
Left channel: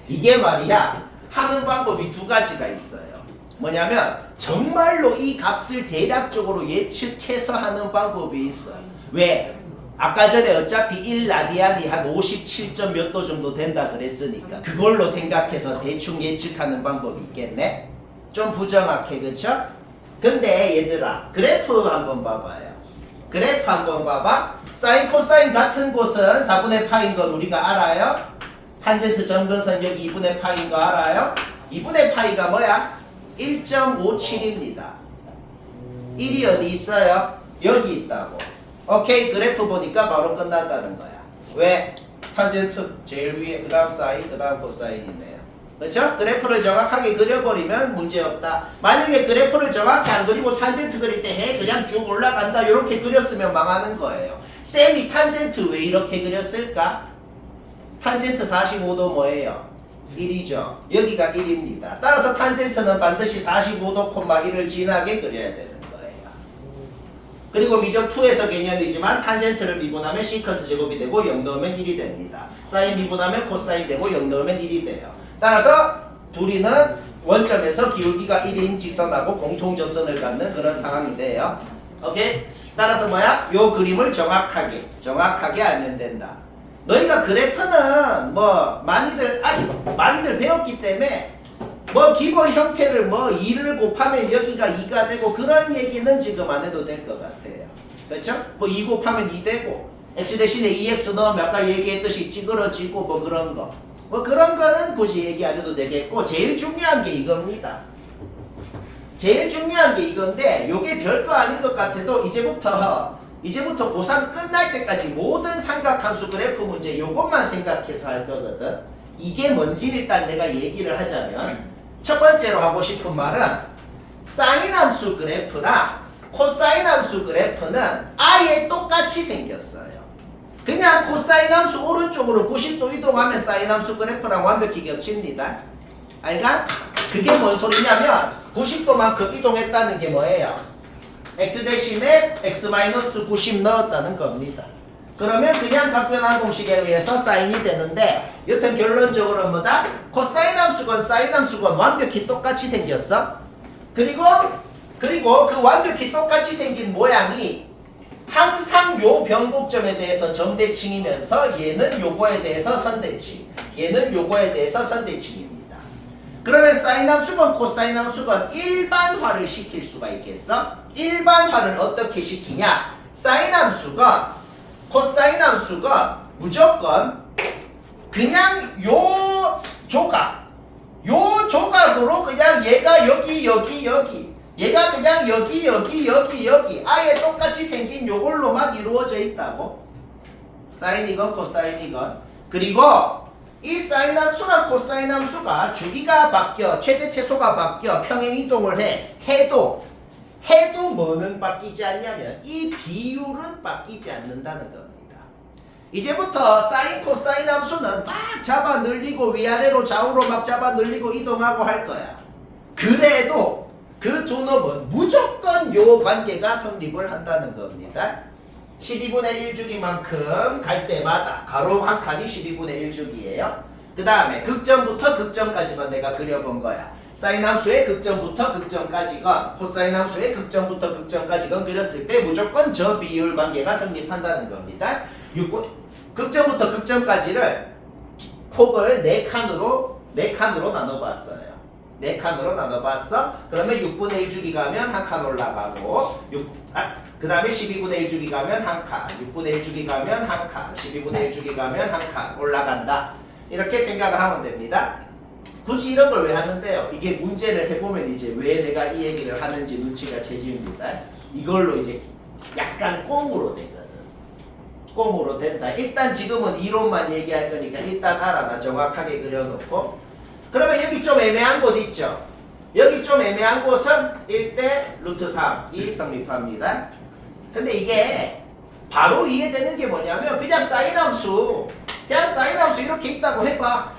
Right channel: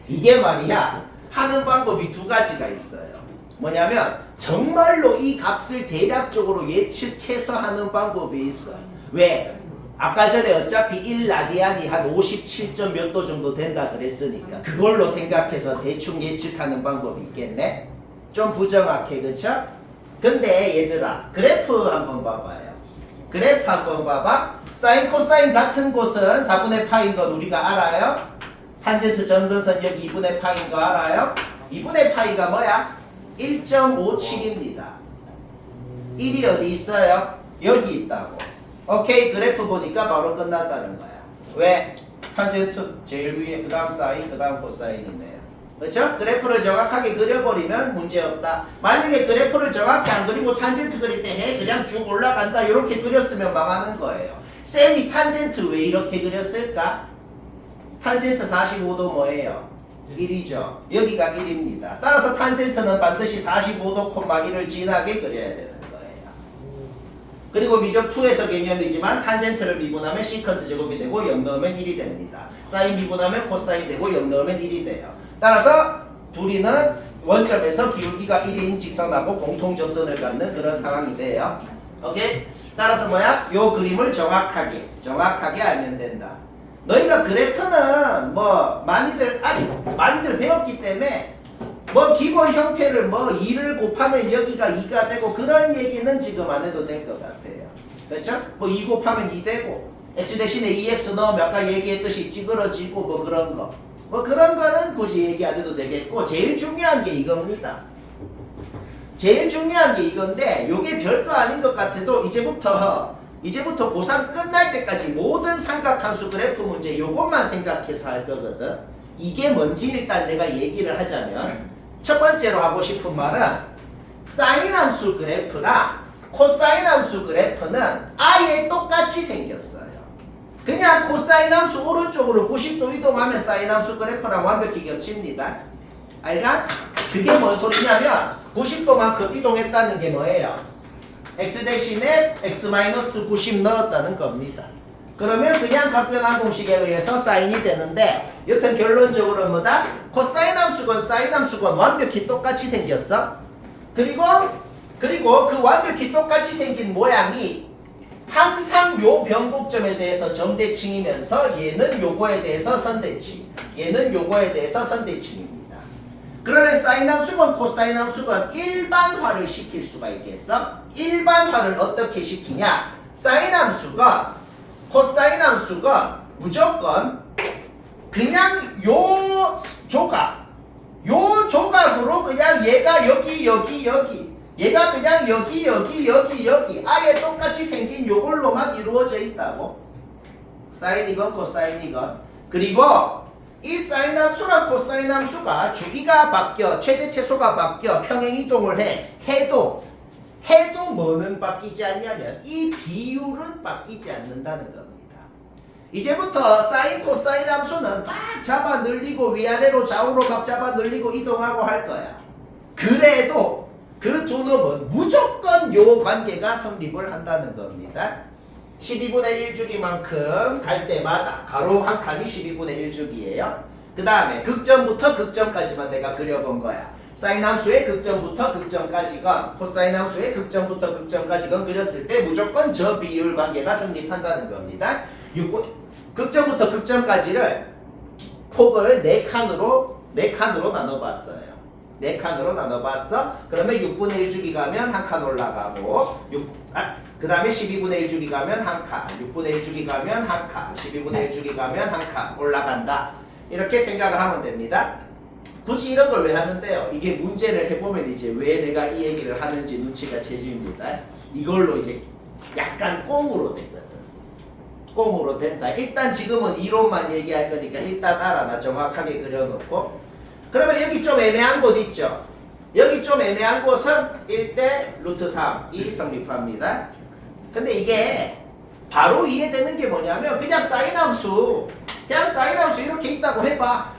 이게 말이야 하는 방법이 두 가지가 있어요. 뭐냐면 정말로 이 값을 대략적으로 예측해서 하는 방법이 있어. 왜? 아까 전에 어차피 1라디안이 한 57점 몇 도 정도 된다 그랬으니까 그걸로 생각해서 대충 예측하는 방법이 있겠네? 좀 부정확해, 그쵸? 근데 얘들아 그래프 한번 봐봐요. 그래프 한번 봐봐. 사인 코사인 같은 곳은 4분의 파인 건 우리가 알아요? 탄젠트 점근선 여기 2분의 파인 거 알아요? 2분의 파이가 뭐야? 1.57입니다. 1이 어디 있어요? 여기 있다고. 오케이. 그래프 보니까 바로 끝났다는 거야. 왜? 탄젠트 제일 위에 그 다음 사인 그 다음 코사인이네요. 그렇죠? 그래프를 정확하게 그려버리면 문제없다. 만약에 그래프를 정확히 안 그리고 탄젠트 그릴 때 해 그냥 쭉 올라간다 이렇게 그렸으면 망하는 거예요. 쌤이 탄젠트 왜 이렇게 그렸을까? 탄젠트 45도 뭐예요? 1이죠. 여기가 1입니다. 따라서 탄젠트는 반드시 45도 콤마 1을 진하게 그려야 되는 거예요. 그리고 미적 2에서 개념이지만 탄젠트를 미분하면 시컨트 제곱이 되고 0 넣으면 1이 됩니다. 사인 미분하면 코사인 되고 0 넣으면 1이 돼요. 따라서 둘이는 원점에서 기울기가 1인 직선하고 공통점선을 갖는 그런 상황이 돼요. 오케이? 따라서 뭐야? 요 그림을 정확하게 알면 된다. 너희가 그래프는 뭐 많이들 배웠기 때문에 뭐 기본 형태를 뭐 2를 곱하면 여기가 2가 되고 그런 얘기는 지금 안 해도 될 것 같아요. 그렇죠? 뭐 2 곱하면 2 되고 x 대신에 2x 넣으면 아까 얘기했듯이 찌그러지고 뭐 그런 거. 뭐 그런 거는 굳이 얘기 안 해도 되겠고 제일 중요한 게 이겁니다. 제일 중요한 게 이건데 요게 별거 아닌 것 같아도 이제부터 고3 끝날 때까지 모든 삼각함수 그래프 문제 요것만 생각해서 할 거거든. 이게 뭔지 일단 내가 얘기를 하자면 첫 번째로 하고 싶은 말은 사인 함수 그래프나 코사인 함수 그래프는 아예 똑같이 생겼어요. 그냥 코사인 함수 오른쪽으로 90도 이동하면 사인 함수 그래프랑 완벽히 겹칩니다. 알가? 그게 뭔 소리냐면 90도만큼 이동했다는 게 뭐예요? x 대신에 x-90 넣었다는 겁니다. 그러면 그냥 각변환 공식에 의해서 사인이 되는데 여튼 결론적으로 뭐다? 코사인 함수건 사인 함수건 완벽히 똑같이 생겼어. 그리고 그 완벽히 똑같이 생긴 모양이 항상 요 변곡점에 대해서 점대칭이면서 얘는 요거에 대해서 선대칭, 얘는 요거에 대해서 선대칭입니다. 그러면 사인 함수건 코사인 함수건 일반화를 시킬 수가 있겠어? 일반화를 어떻게 시키냐? 사인 함수건 코사인 함수건 무조건 그냥 요 조각으로 그냥 얘가 여기 얘가 그냥 여기 아예 똑같이 생긴 요걸로만 이루어져 있다고. 사인이건 코사인이건. 그리고 이 사인 함수랑 코사인 함수가 주기가 바뀌어 최대 최소가 바뀌어 평행 이동을 해도 뭐는 바뀌지 않냐면 이 비율은 바뀌지 않는다는 겁니다. 이제부터 사인 코사인 함수는 막 잡아 늘리고 위아래로 좌우로 막 잡아 늘리고 이동하고 할 거야. 그래도 그 두 놈은 무조건 요 관계가 성립을 한다는 겁니다. 12분의 1주기만큼 갈 때마다 가로 한 칸이 12분의 1주기예요. 그 다음에 극점부터 극점까지만 내가 그려본 거야. 사인 함수의 극점부터 극점까지건 코사인 함수의 극점부터 극점까지건 그렸을 때 무조건 저 비율 관계가 성립한다는 겁니다. 극점부터 극점까지를 폭을 4칸으로 나눠봤어요. 4칸으로 나눠봤어. 그러면 6분의 1주기 가면 한 칸 올라가고 그 다음에 12분의 1주기 가면 한 칸, 6분의 1주기 가면 한 칸, 12분의 1주기 가면 한 칸 올라간다. 이렇게 생각을 하면 됩니다. 굳이 이런 걸 왜 하는데요? 이게 문제를 해보면 이제 왜 내가 이 얘기를 하는지 눈치가 채집니다. 이걸로 이제 약간 꽁으로 되거든. 꽁으로 된다. 일단 지금은 이론만 얘기할 거니까 일단 알아놔. 정확하게 그려놓고. 그러면 여기 좀 애매한 곳 있죠? 여기 좀 애매한 곳은 1대 루트 3이 성립합니다. 근데 이게 바로 이해되는 게 뭐냐면 그냥 사인 함수 이렇게 있다고 해봐.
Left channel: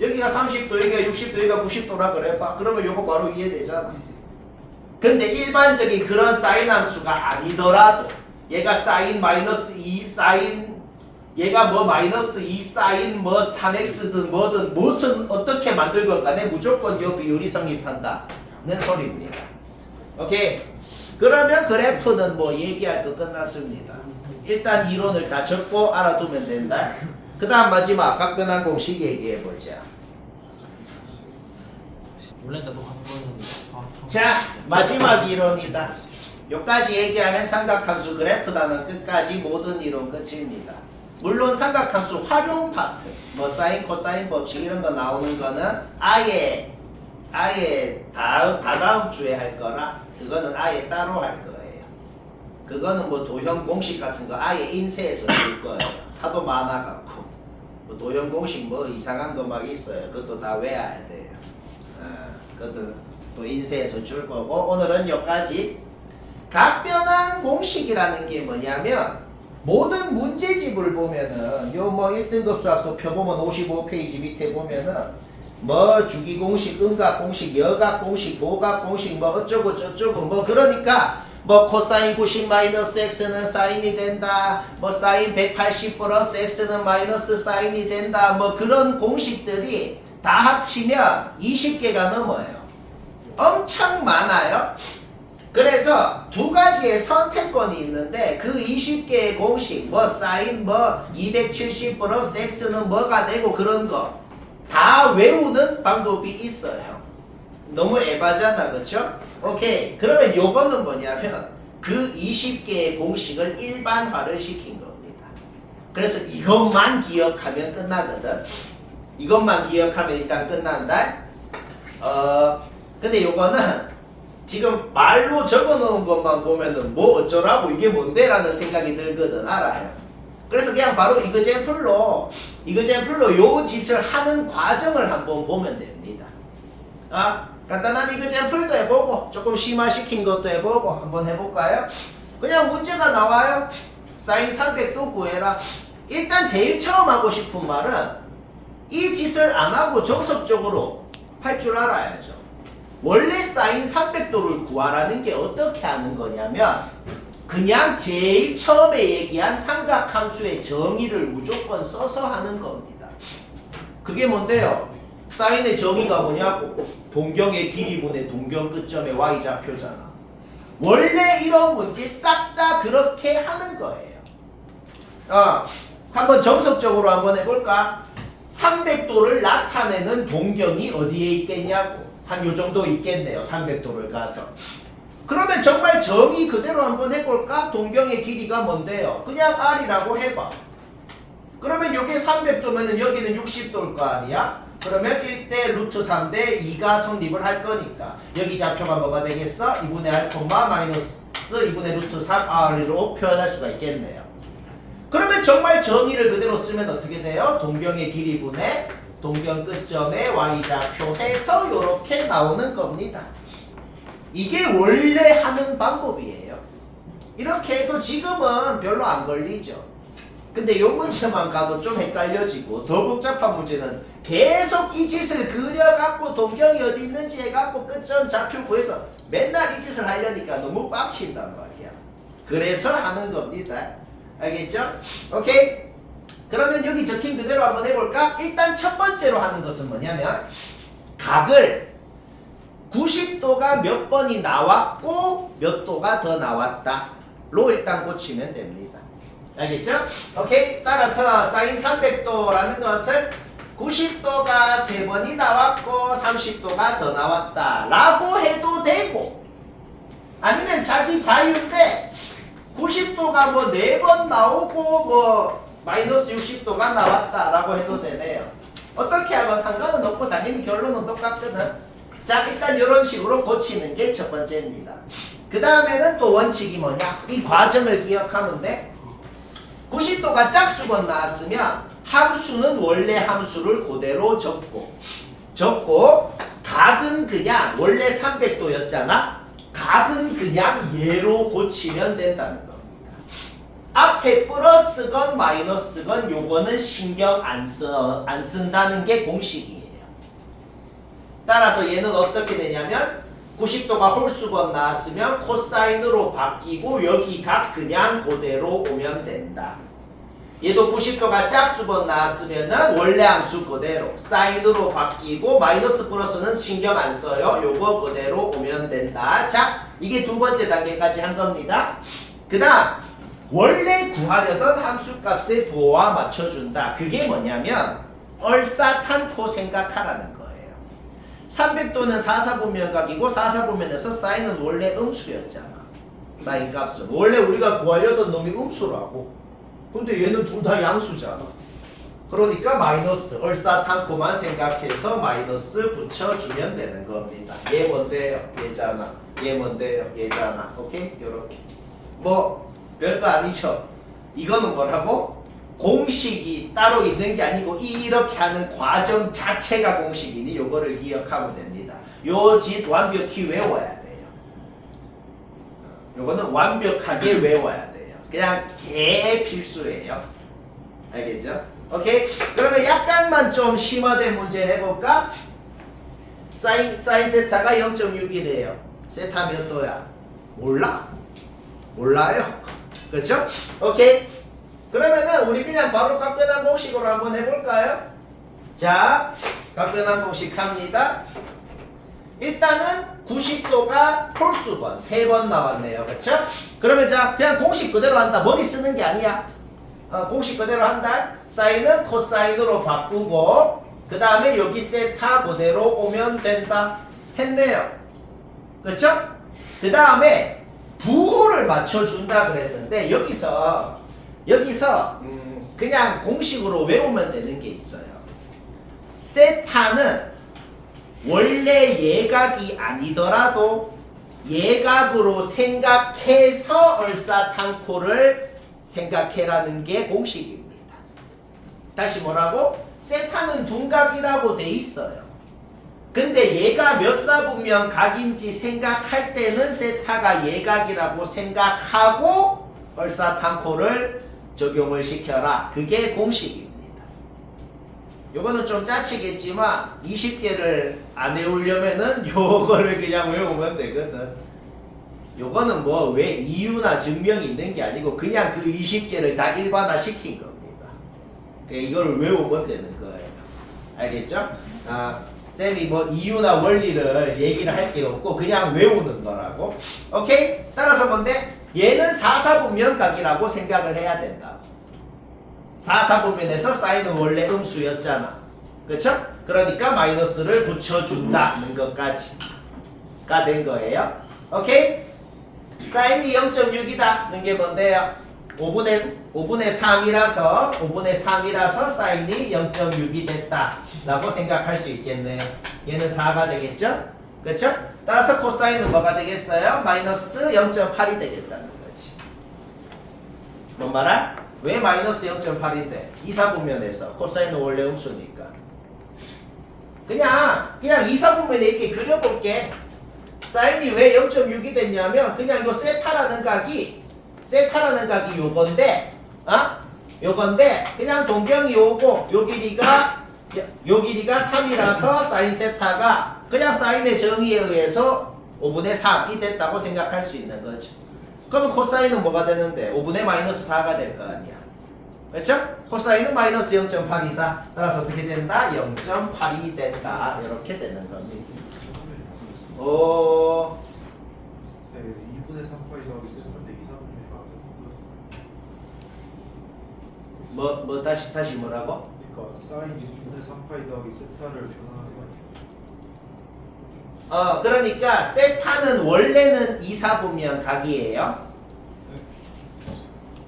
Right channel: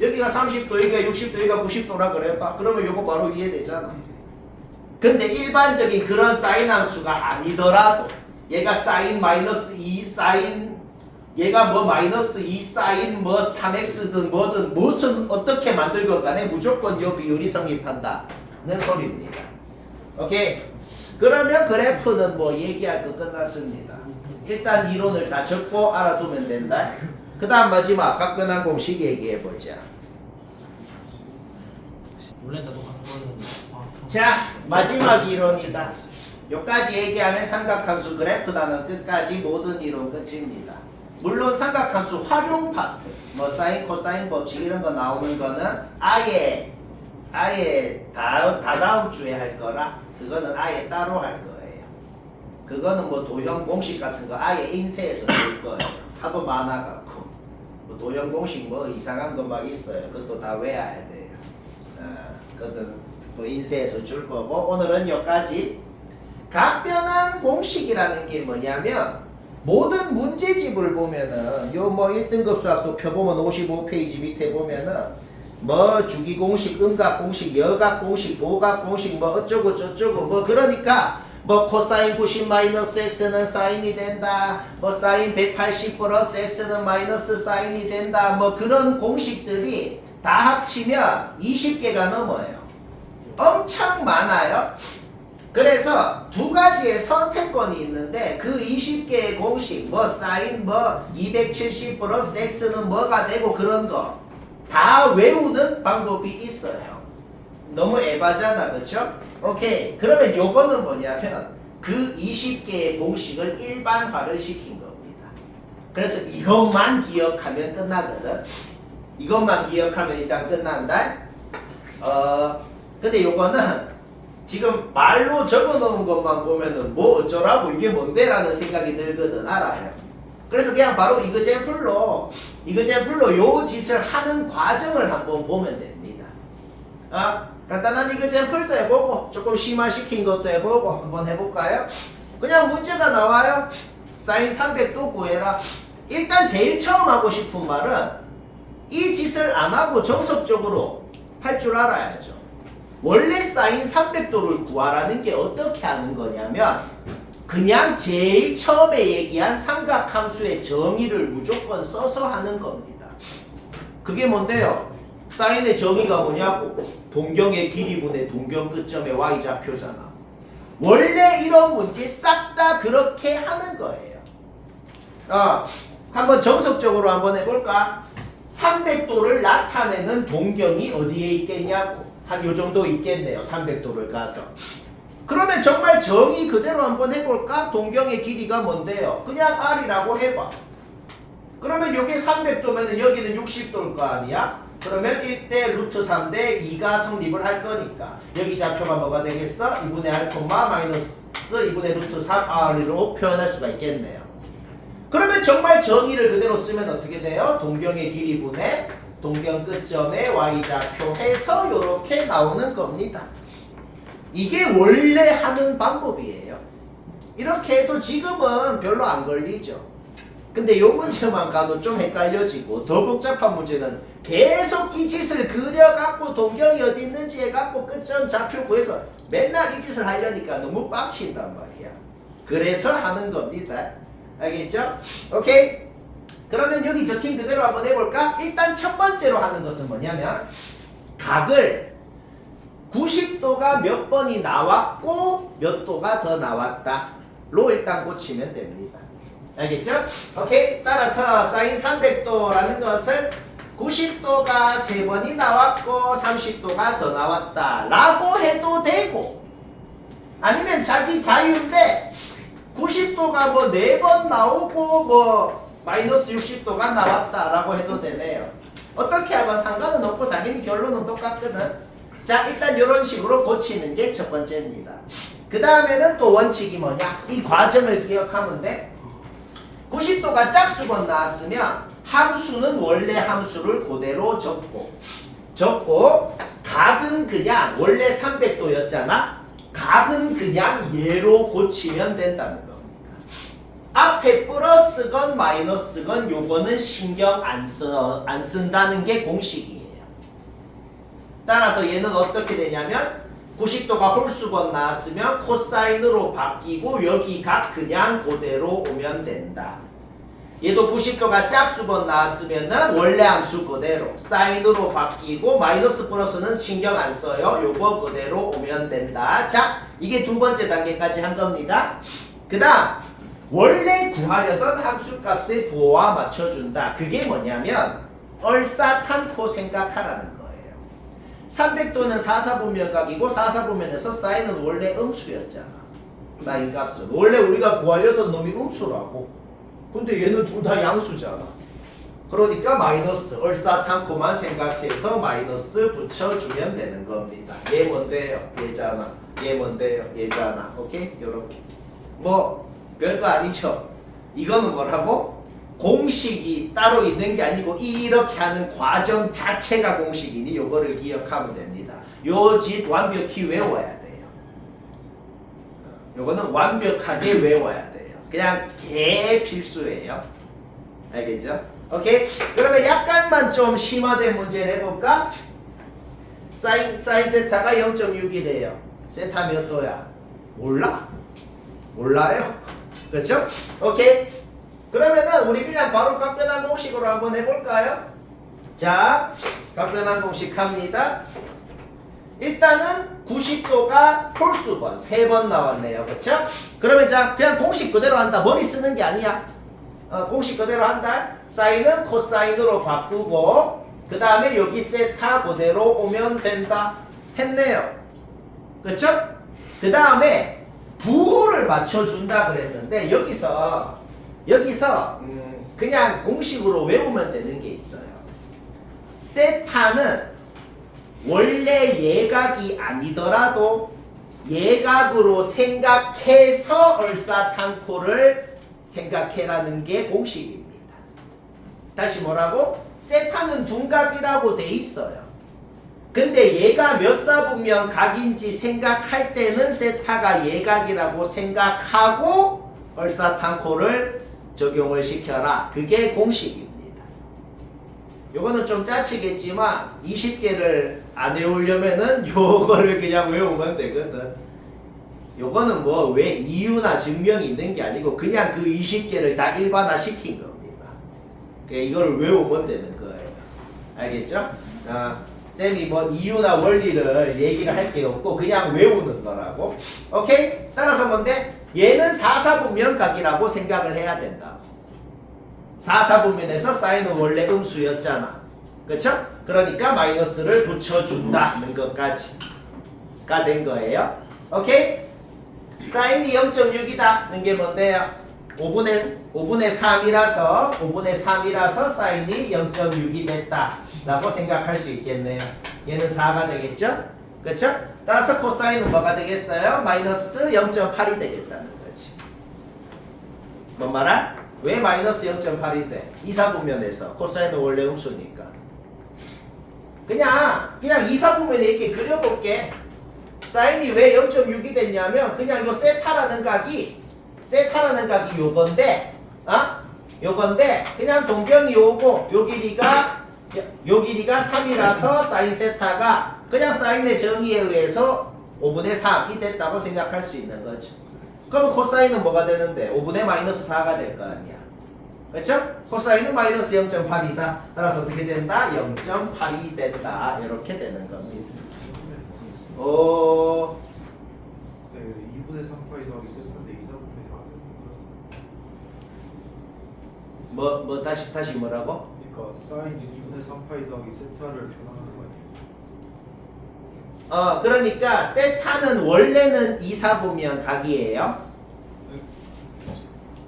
여기가 30도, 여기가 60도, 여기가 90도라 그래봐. 그러면 이거 바로 이해되잖아. 근데 일반적인 그런 사인 함수가 아니더라도 얘가 사인 마이너스 2 사인 얘가 뭐 마이너스 2 사인 뭐 3x든 뭐든 무슨 어떻게 만들건 간에 무조건 요 비율이 성립한다는 소리입니다. 오케이. 그러면 그래프는 뭐 얘기할 거 끝났습니다. 일단 이론을 다 적고 알아두면 된다. 그 다음 마지막 각변환 공식 얘기해보자. 원래 나도 한번 자, 마지막 이론이다. 여기까지 얘기하면 삼각함수 그래프다는 끝까지 모든 이론 끝입니다. 물론 삼각함수 활용 파트, 뭐 사인, 코사인 법칙 이런 거 나오는 거는 아예 다다음 주에 할 거라 그거는 아예 따로 할 거예요. 그거는 뭐 도형 공식 같은 거 아예 인쇄해서 줄 거예요. 하도 많아갖고 뭐 도형 공식 뭐 이상한 거 막 있어요. 그것도 다 외워야 돼요. 그것도 또 인쇄해서 줄 거고 오늘은 여기까지. 각변환 공식이라는 게 뭐냐면 모든 문제집을 보면은 요 뭐 1등급 수학도 펴보면 55페이지 밑에 보면은 뭐 주기 공식, 음각 공식, 여각 공식, 고각 공식 뭐 어쩌고 저쩌고 뭐 그러니까 뭐 코사인 90 마이너스 x는 사인이 된다. 뭐 사인 180 플러스 x는 마이너스 사인이 된다. 뭐 그런 공식들이 다 합치면 20개가 넘어요. 엄청 많아요. 그래서 두 가지의 선택권이 있는데 그 20개의 공식 뭐 사인 뭐 270 플러스 x는 뭐가 되고 그런 거 다 외우는 방법이 있어요. 너무 에바잖아, 그렇죠? 오케이. 그러면 요거는 뭐냐면 그 20개의 공식을 일반화를 시킨 겁니다. 그래서 이것만 기억하면 끝나거든. 이것만 기억하면 일단 끝난다. 근데 요거는 지금 말로 적어놓은 것만 보면은 뭐 어쩌라고 이게 뭔데라는 생각이 들거든. 알아요. 그래서 그냥 바로 이거젠플로 요 짓을 하는 과정을 한번 보면 됩니다. 간단한 이거젠플도 해보고 조금 심화시킨 것도 해보고 한번 해볼까요? 그냥 문제가 나와요. 사인 300도 구해라. 일단 제일 처음 하고 싶은 말은 이 짓을 안 하고 정석적으로 할 줄 알아야죠. 원래 사인 300도를 구하라는 게 어떻게 하는 거냐면 그냥 제일 처음에 얘기한 삼각함수의 정의를 무조건 써서 하는 겁니다. 그게 뭔데요? 사인의 정의가 뭐냐고? 동경의 길이분의 동경 끝점의 y좌표잖아. 원래 이런 문제 싹 다 그렇게 하는 거예요. 한번 정석적으로 한번 해볼까? 300도를 나타내는 동경이 어디에 있겠냐고. 한 요 정도 있겠네요. 300도를 가서. 그러면 정말 정의 그대로 한번 해볼까? 동경의 길이가 뭔데요? 그냥 r이라고 해봐. 그러면 요게 300도면은 여기는 60도일 거 아니야? 그러면 1대 루트 3대 2가 성립을 할 거니까 여기 좌표가 뭐가 되겠어? 2분의 r, 마이너스 2분의 루트 3r로 표현할 수가 있겠네요. 그러면 정말 정의를 그대로 쓰면 어떻게 돼요? 동경의 길이분의 동경 끝점의 y좌표 해서 이렇게 나오는 겁니다. 이게 원래 하는 방법이에요. 이렇게 해도 지금은 별로 안 걸리죠. 근데 이 문제만 가도 좀 헷갈려지고 더 복잡한 문제는 계속 이 짓을 그려갖고 동경이 어디 있는지 해갖고 끝점 좌표 구해서 맨날 이 짓을 하려니까 너무 빡친단 말이야. 그래서 하는 겁니다. 알겠죠? 오케이? 그러면 여기 적힌 그대로 한번 해볼까? 일단 첫 번째로 하는 것은 뭐냐면 각을 90도가 몇 번이 나왔고 몇 도가 더 나왔다 로 일단 고치면 됩니다. 알겠죠? 오케이? 따라서 사인 300도라는 것을 90도가 3번이 나왔고 30도가 더 나왔다 라고 해도 되고 아니면 자기 자유인데 90도가 뭐 4번 나오고 뭐 마이너스 60도가 나왔다 라고 해도 되네요. 어떻게 하건 상관은 없고 당연히 결론은 똑같거든. 자, 일단 이런 식으로 고치는 게 첫 번째입니다. 그 다음에는 또 원칙이 뭐냐? 이 과정을 기억하면 돼. 90도가 짝수번 나왔으면 함수는 원래 함수를 그대로 적고 각은 그냥 원래 300도였잖아. 각은 그냥 얘로 고치면 된다는 겁니다. 앞에 플러스건 마이너스건 요거는 신경 안 쓴다는 게 공식이에요. 따라서 얘는 어떻게 되냐면 90도가 홀수번 나왔으면 코사인으로 바뀌고 여기 각 그냥 그대로 오면 된다. 얘도 90도가 짝수번 나왔으면은 원래 함수 그대로 사인으로 바뀌고 마이너스 플러스는 신경 안 써요. 요거 그대로 오면 된다. 자, 이게 두 번째 단계까지 한 겁니다. 그 다음 원래 구하려던 함수값의 부호와 맞춰준다. 그게 뭐냐면 얼사탄포 생각하라는 거예요. 300도는 4사분면각이고 4사분면에서 사인은 원래 음수였잖아. 사인 값은 원래 우리가 구하려던 놈이 음수라고. 근데 얘는 둘 다 양수잖아. 그러니까 마이너스 얼사탄코만 생각해서 마이너스 붙여주면 되는 겁니다. 얘 뭔데요? 얘잖아. 얘 뭔데요? 얘잖아. 오케이? 요렇게 뭐 별거 아니죠. 이거는 뭐라고? 공식이 따로 있는 게 아니고 이렇게 하는 과정 자체가 공식이니 요거를 기억하면 됩니다. 요 짓 완벽히 외워야 돼요. 요거는 완벽하게 외워야 돼요. 그냥 개 필수예요. 알겠죠? 오케이? 그러면 약간만 좀 심화된 문제를 해볼까? 사인 세타가 0.6이래요. 세타 몇 도야? 몰라요? 그렇죠? 오케이? 그러면은 우리 그냥 바로 각변환 공식으로 한번 해볼까요? 자, 각변환 공식 합니다. 일단은 90도가 홀수번 3번 나왔네요. 그렇죠? 그러면 자, 그냥 공식 그대로 한다. 머리 쓰는 게 아니야. 공식 그대로 한다. 사인은 코사인으로 바꾸고 그 다음에 여기 세타 그대로 오면 된다. 했네요. 그렇죠? 그 다음에 부호를 맞춰준다 그랬는데 여기서 그냥 공식으로 외우면 되는 게 있어요. 세타는 원래 예각이 아니더라도 예각으로 생각해서 얼사탄코를 생각해라는 게 공식입니다. 다시 뭐라고? 세타는 둔각이라고 돼 있어요. 근데 얘가 몇 사분면 각인지 생각할 때는 세타가 예각이라고 생각하고 얼사탄코를 적용을 시켜라. 그게 공식입니다. 요거는 좀 짜치겠지만 20개를 안 외우려면은 요거를 그냥 외우면 되거든. 요거는 뭐 왜 이유나 증명이 있는 게 아니고 그냥 그 20개를 다 일반화 시킨 겁니다. 그러니까 이걸 외우면 되는 거예요. 알겠죠? 쌤이 뭐 이유나 원리를 얘기를 할 게 없고 그냥 외우는 거라고. 오케이? 따라서 뭔데? 얘는 4사분면각이라고 생각을 해야 된다고. 4사분면에서 사인은 원래 음수였잖아. 그쵸? 그러니까 마이너스를 붙여준다는 것까지가 된 거예요. 오케이? 사인이 0.6이다는 게 뭔데요? 5분의 3이라서 사인이 0.6이 됐다라고 생각할 수 있겠네요. 얘는 4가 되겠죠? 그쵸? 따라서 코사인은 뭐가 되겠어요? 마이너스 0.8이 되겠다는 거지. 뭔 말아? 왜 마이너스 0.8이 돼? 2사분면에서 코사인은 원래 음수니까. 그냥 2사분면에 이렇게 그려볼게. 사인이 왜 0.6이 됐냐면 그냥 이거 세타라는 각이 요건데 요건데 그냥 동경이 오고 요 길이가 3이라서 사인 세타가 그냥 사인의 정의에 의해서 5분의 3이 됐다고 생각할 수 있는 거죠. 그러면 코사인은 뭐가 되는데 5분의 마이너스 4가 될 거 아니야. 그렇죠? 코사인은 마이너스 0.8이다. 따라서 어떻게 된다? 0.8이 된다. 이렇게 되는 겁니다. 네, 2분의 3파이 더하기 세타인데 2사분의 4. 다시 뭐라고? 그러니까 사인 2분의 3파이 더하기 세타를 변환하는 거 아니에요? 그러니까 세타는 원래는 2사분면 각이에요.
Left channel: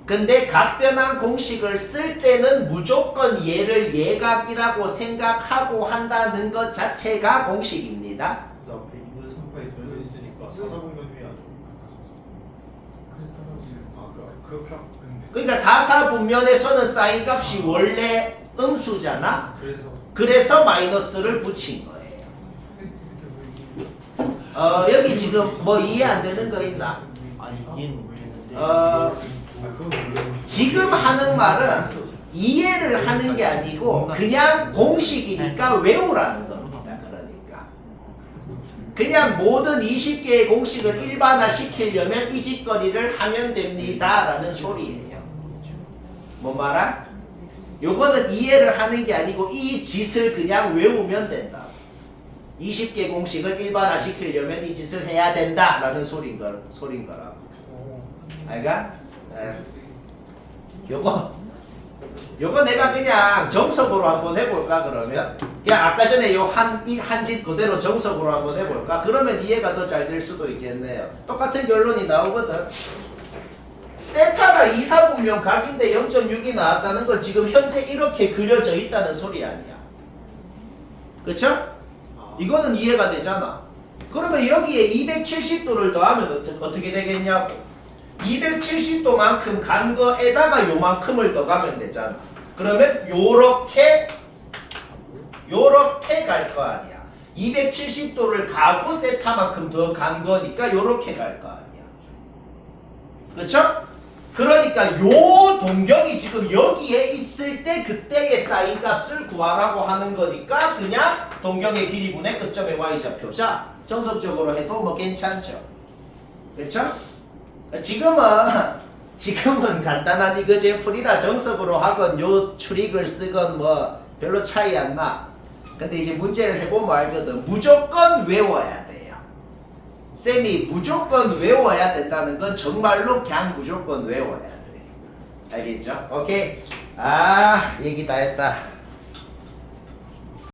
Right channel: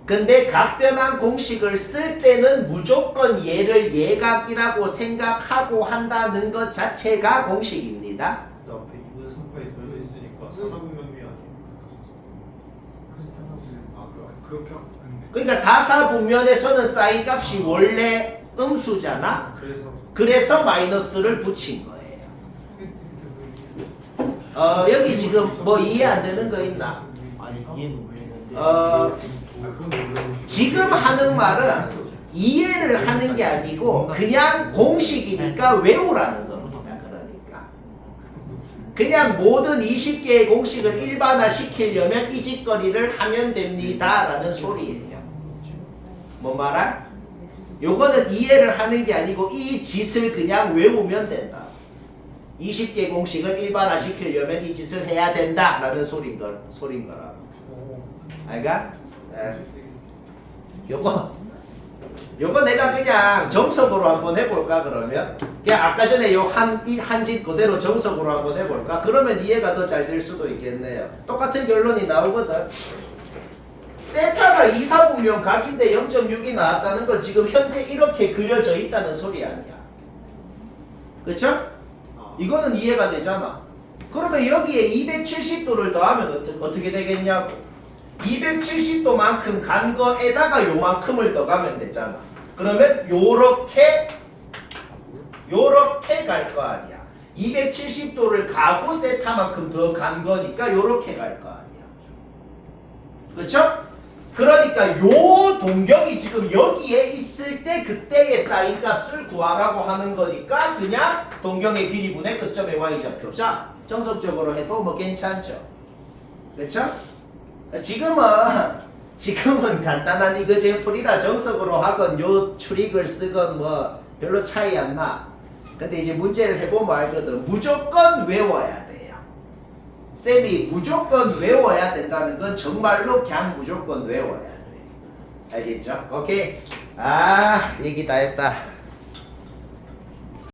근데 각변환 공식을 쓸 때는 무조건 얘를 예각이라고 생각하고 한다는 것 자체가 공식입니다. 그 앞에 2분의 3파이 더해져 있으니까 4사분면이 아니에요. 그렇게 그러니까 4사분면에서는 사인 값이 원래 음수잖아. 그래서 마이너스를 붙인 거예요. 여기 지금 뭐 이해 안 되는 거 있나? 아니 이해는 모르겠는데 지금 하는 말은 이해를 하는 게 아니고 그냥 공식이니까 외우라는 겁니다. 그러니까 그냥 모든 20개의 공식을 일반화 시키려면 이 짓거리를 하면 됩니다 라는 소리예요. 뭔 말아? 요거는 이해를 하는 게 아니고 이 짓을 그냥 외우면 된다. 20개 공식을 일반화 시키려면 이 짓을 해야 된다 라는 소린 거라고. 알가? 요거 내가 그냥 정석으로 한번 해볼까 그러면? 그냥 아까 전에 요 한짓 그대로 정석으로 한번 해볼까? 그러면 이해가 더 잘 될 수도 있겠네요. 똑같은 결론이 나오거든. 세타가 2사분면 각인데 0.6이 나왔다는 건 지금 현재 이렇게 그려져 있다는 소리 아니야. 그쵸? 이거는 이해가 되잖아. 그러면 여기에 270도를 더하면 어떻게 되겠냐고. 270도만큼 간 거에다가 요만큼을 더 가면 되잖아. 그러면 요렇게 갈 거 아니야. 270도를 가고 세타만큼 더 간 거니까 요렇게 갈 거 아니야. 그쵸? 그러니까 요 동경이 지금 여기에 있을 때 그때의 사인 값을 구하라고 하는 거니까 그냥 동경의 길이분의 끝점의 y좌표. 자, 정석적으로 해도 뭐 괜찮죠. 그쵸? 지금은 간단한 이거제 풀이라 정석으로 하건 요 추릭을 쓰건 뭐 별로 차이 안 나. 근데 이제 문제를 해보면 알거든. 무조건 외워야 돼요. 쌤이 무조건 외워야 된다는 건 정말로 그냥 무조건 외워야 돼. 알겠죠? 오케이. 얘기 다 했다.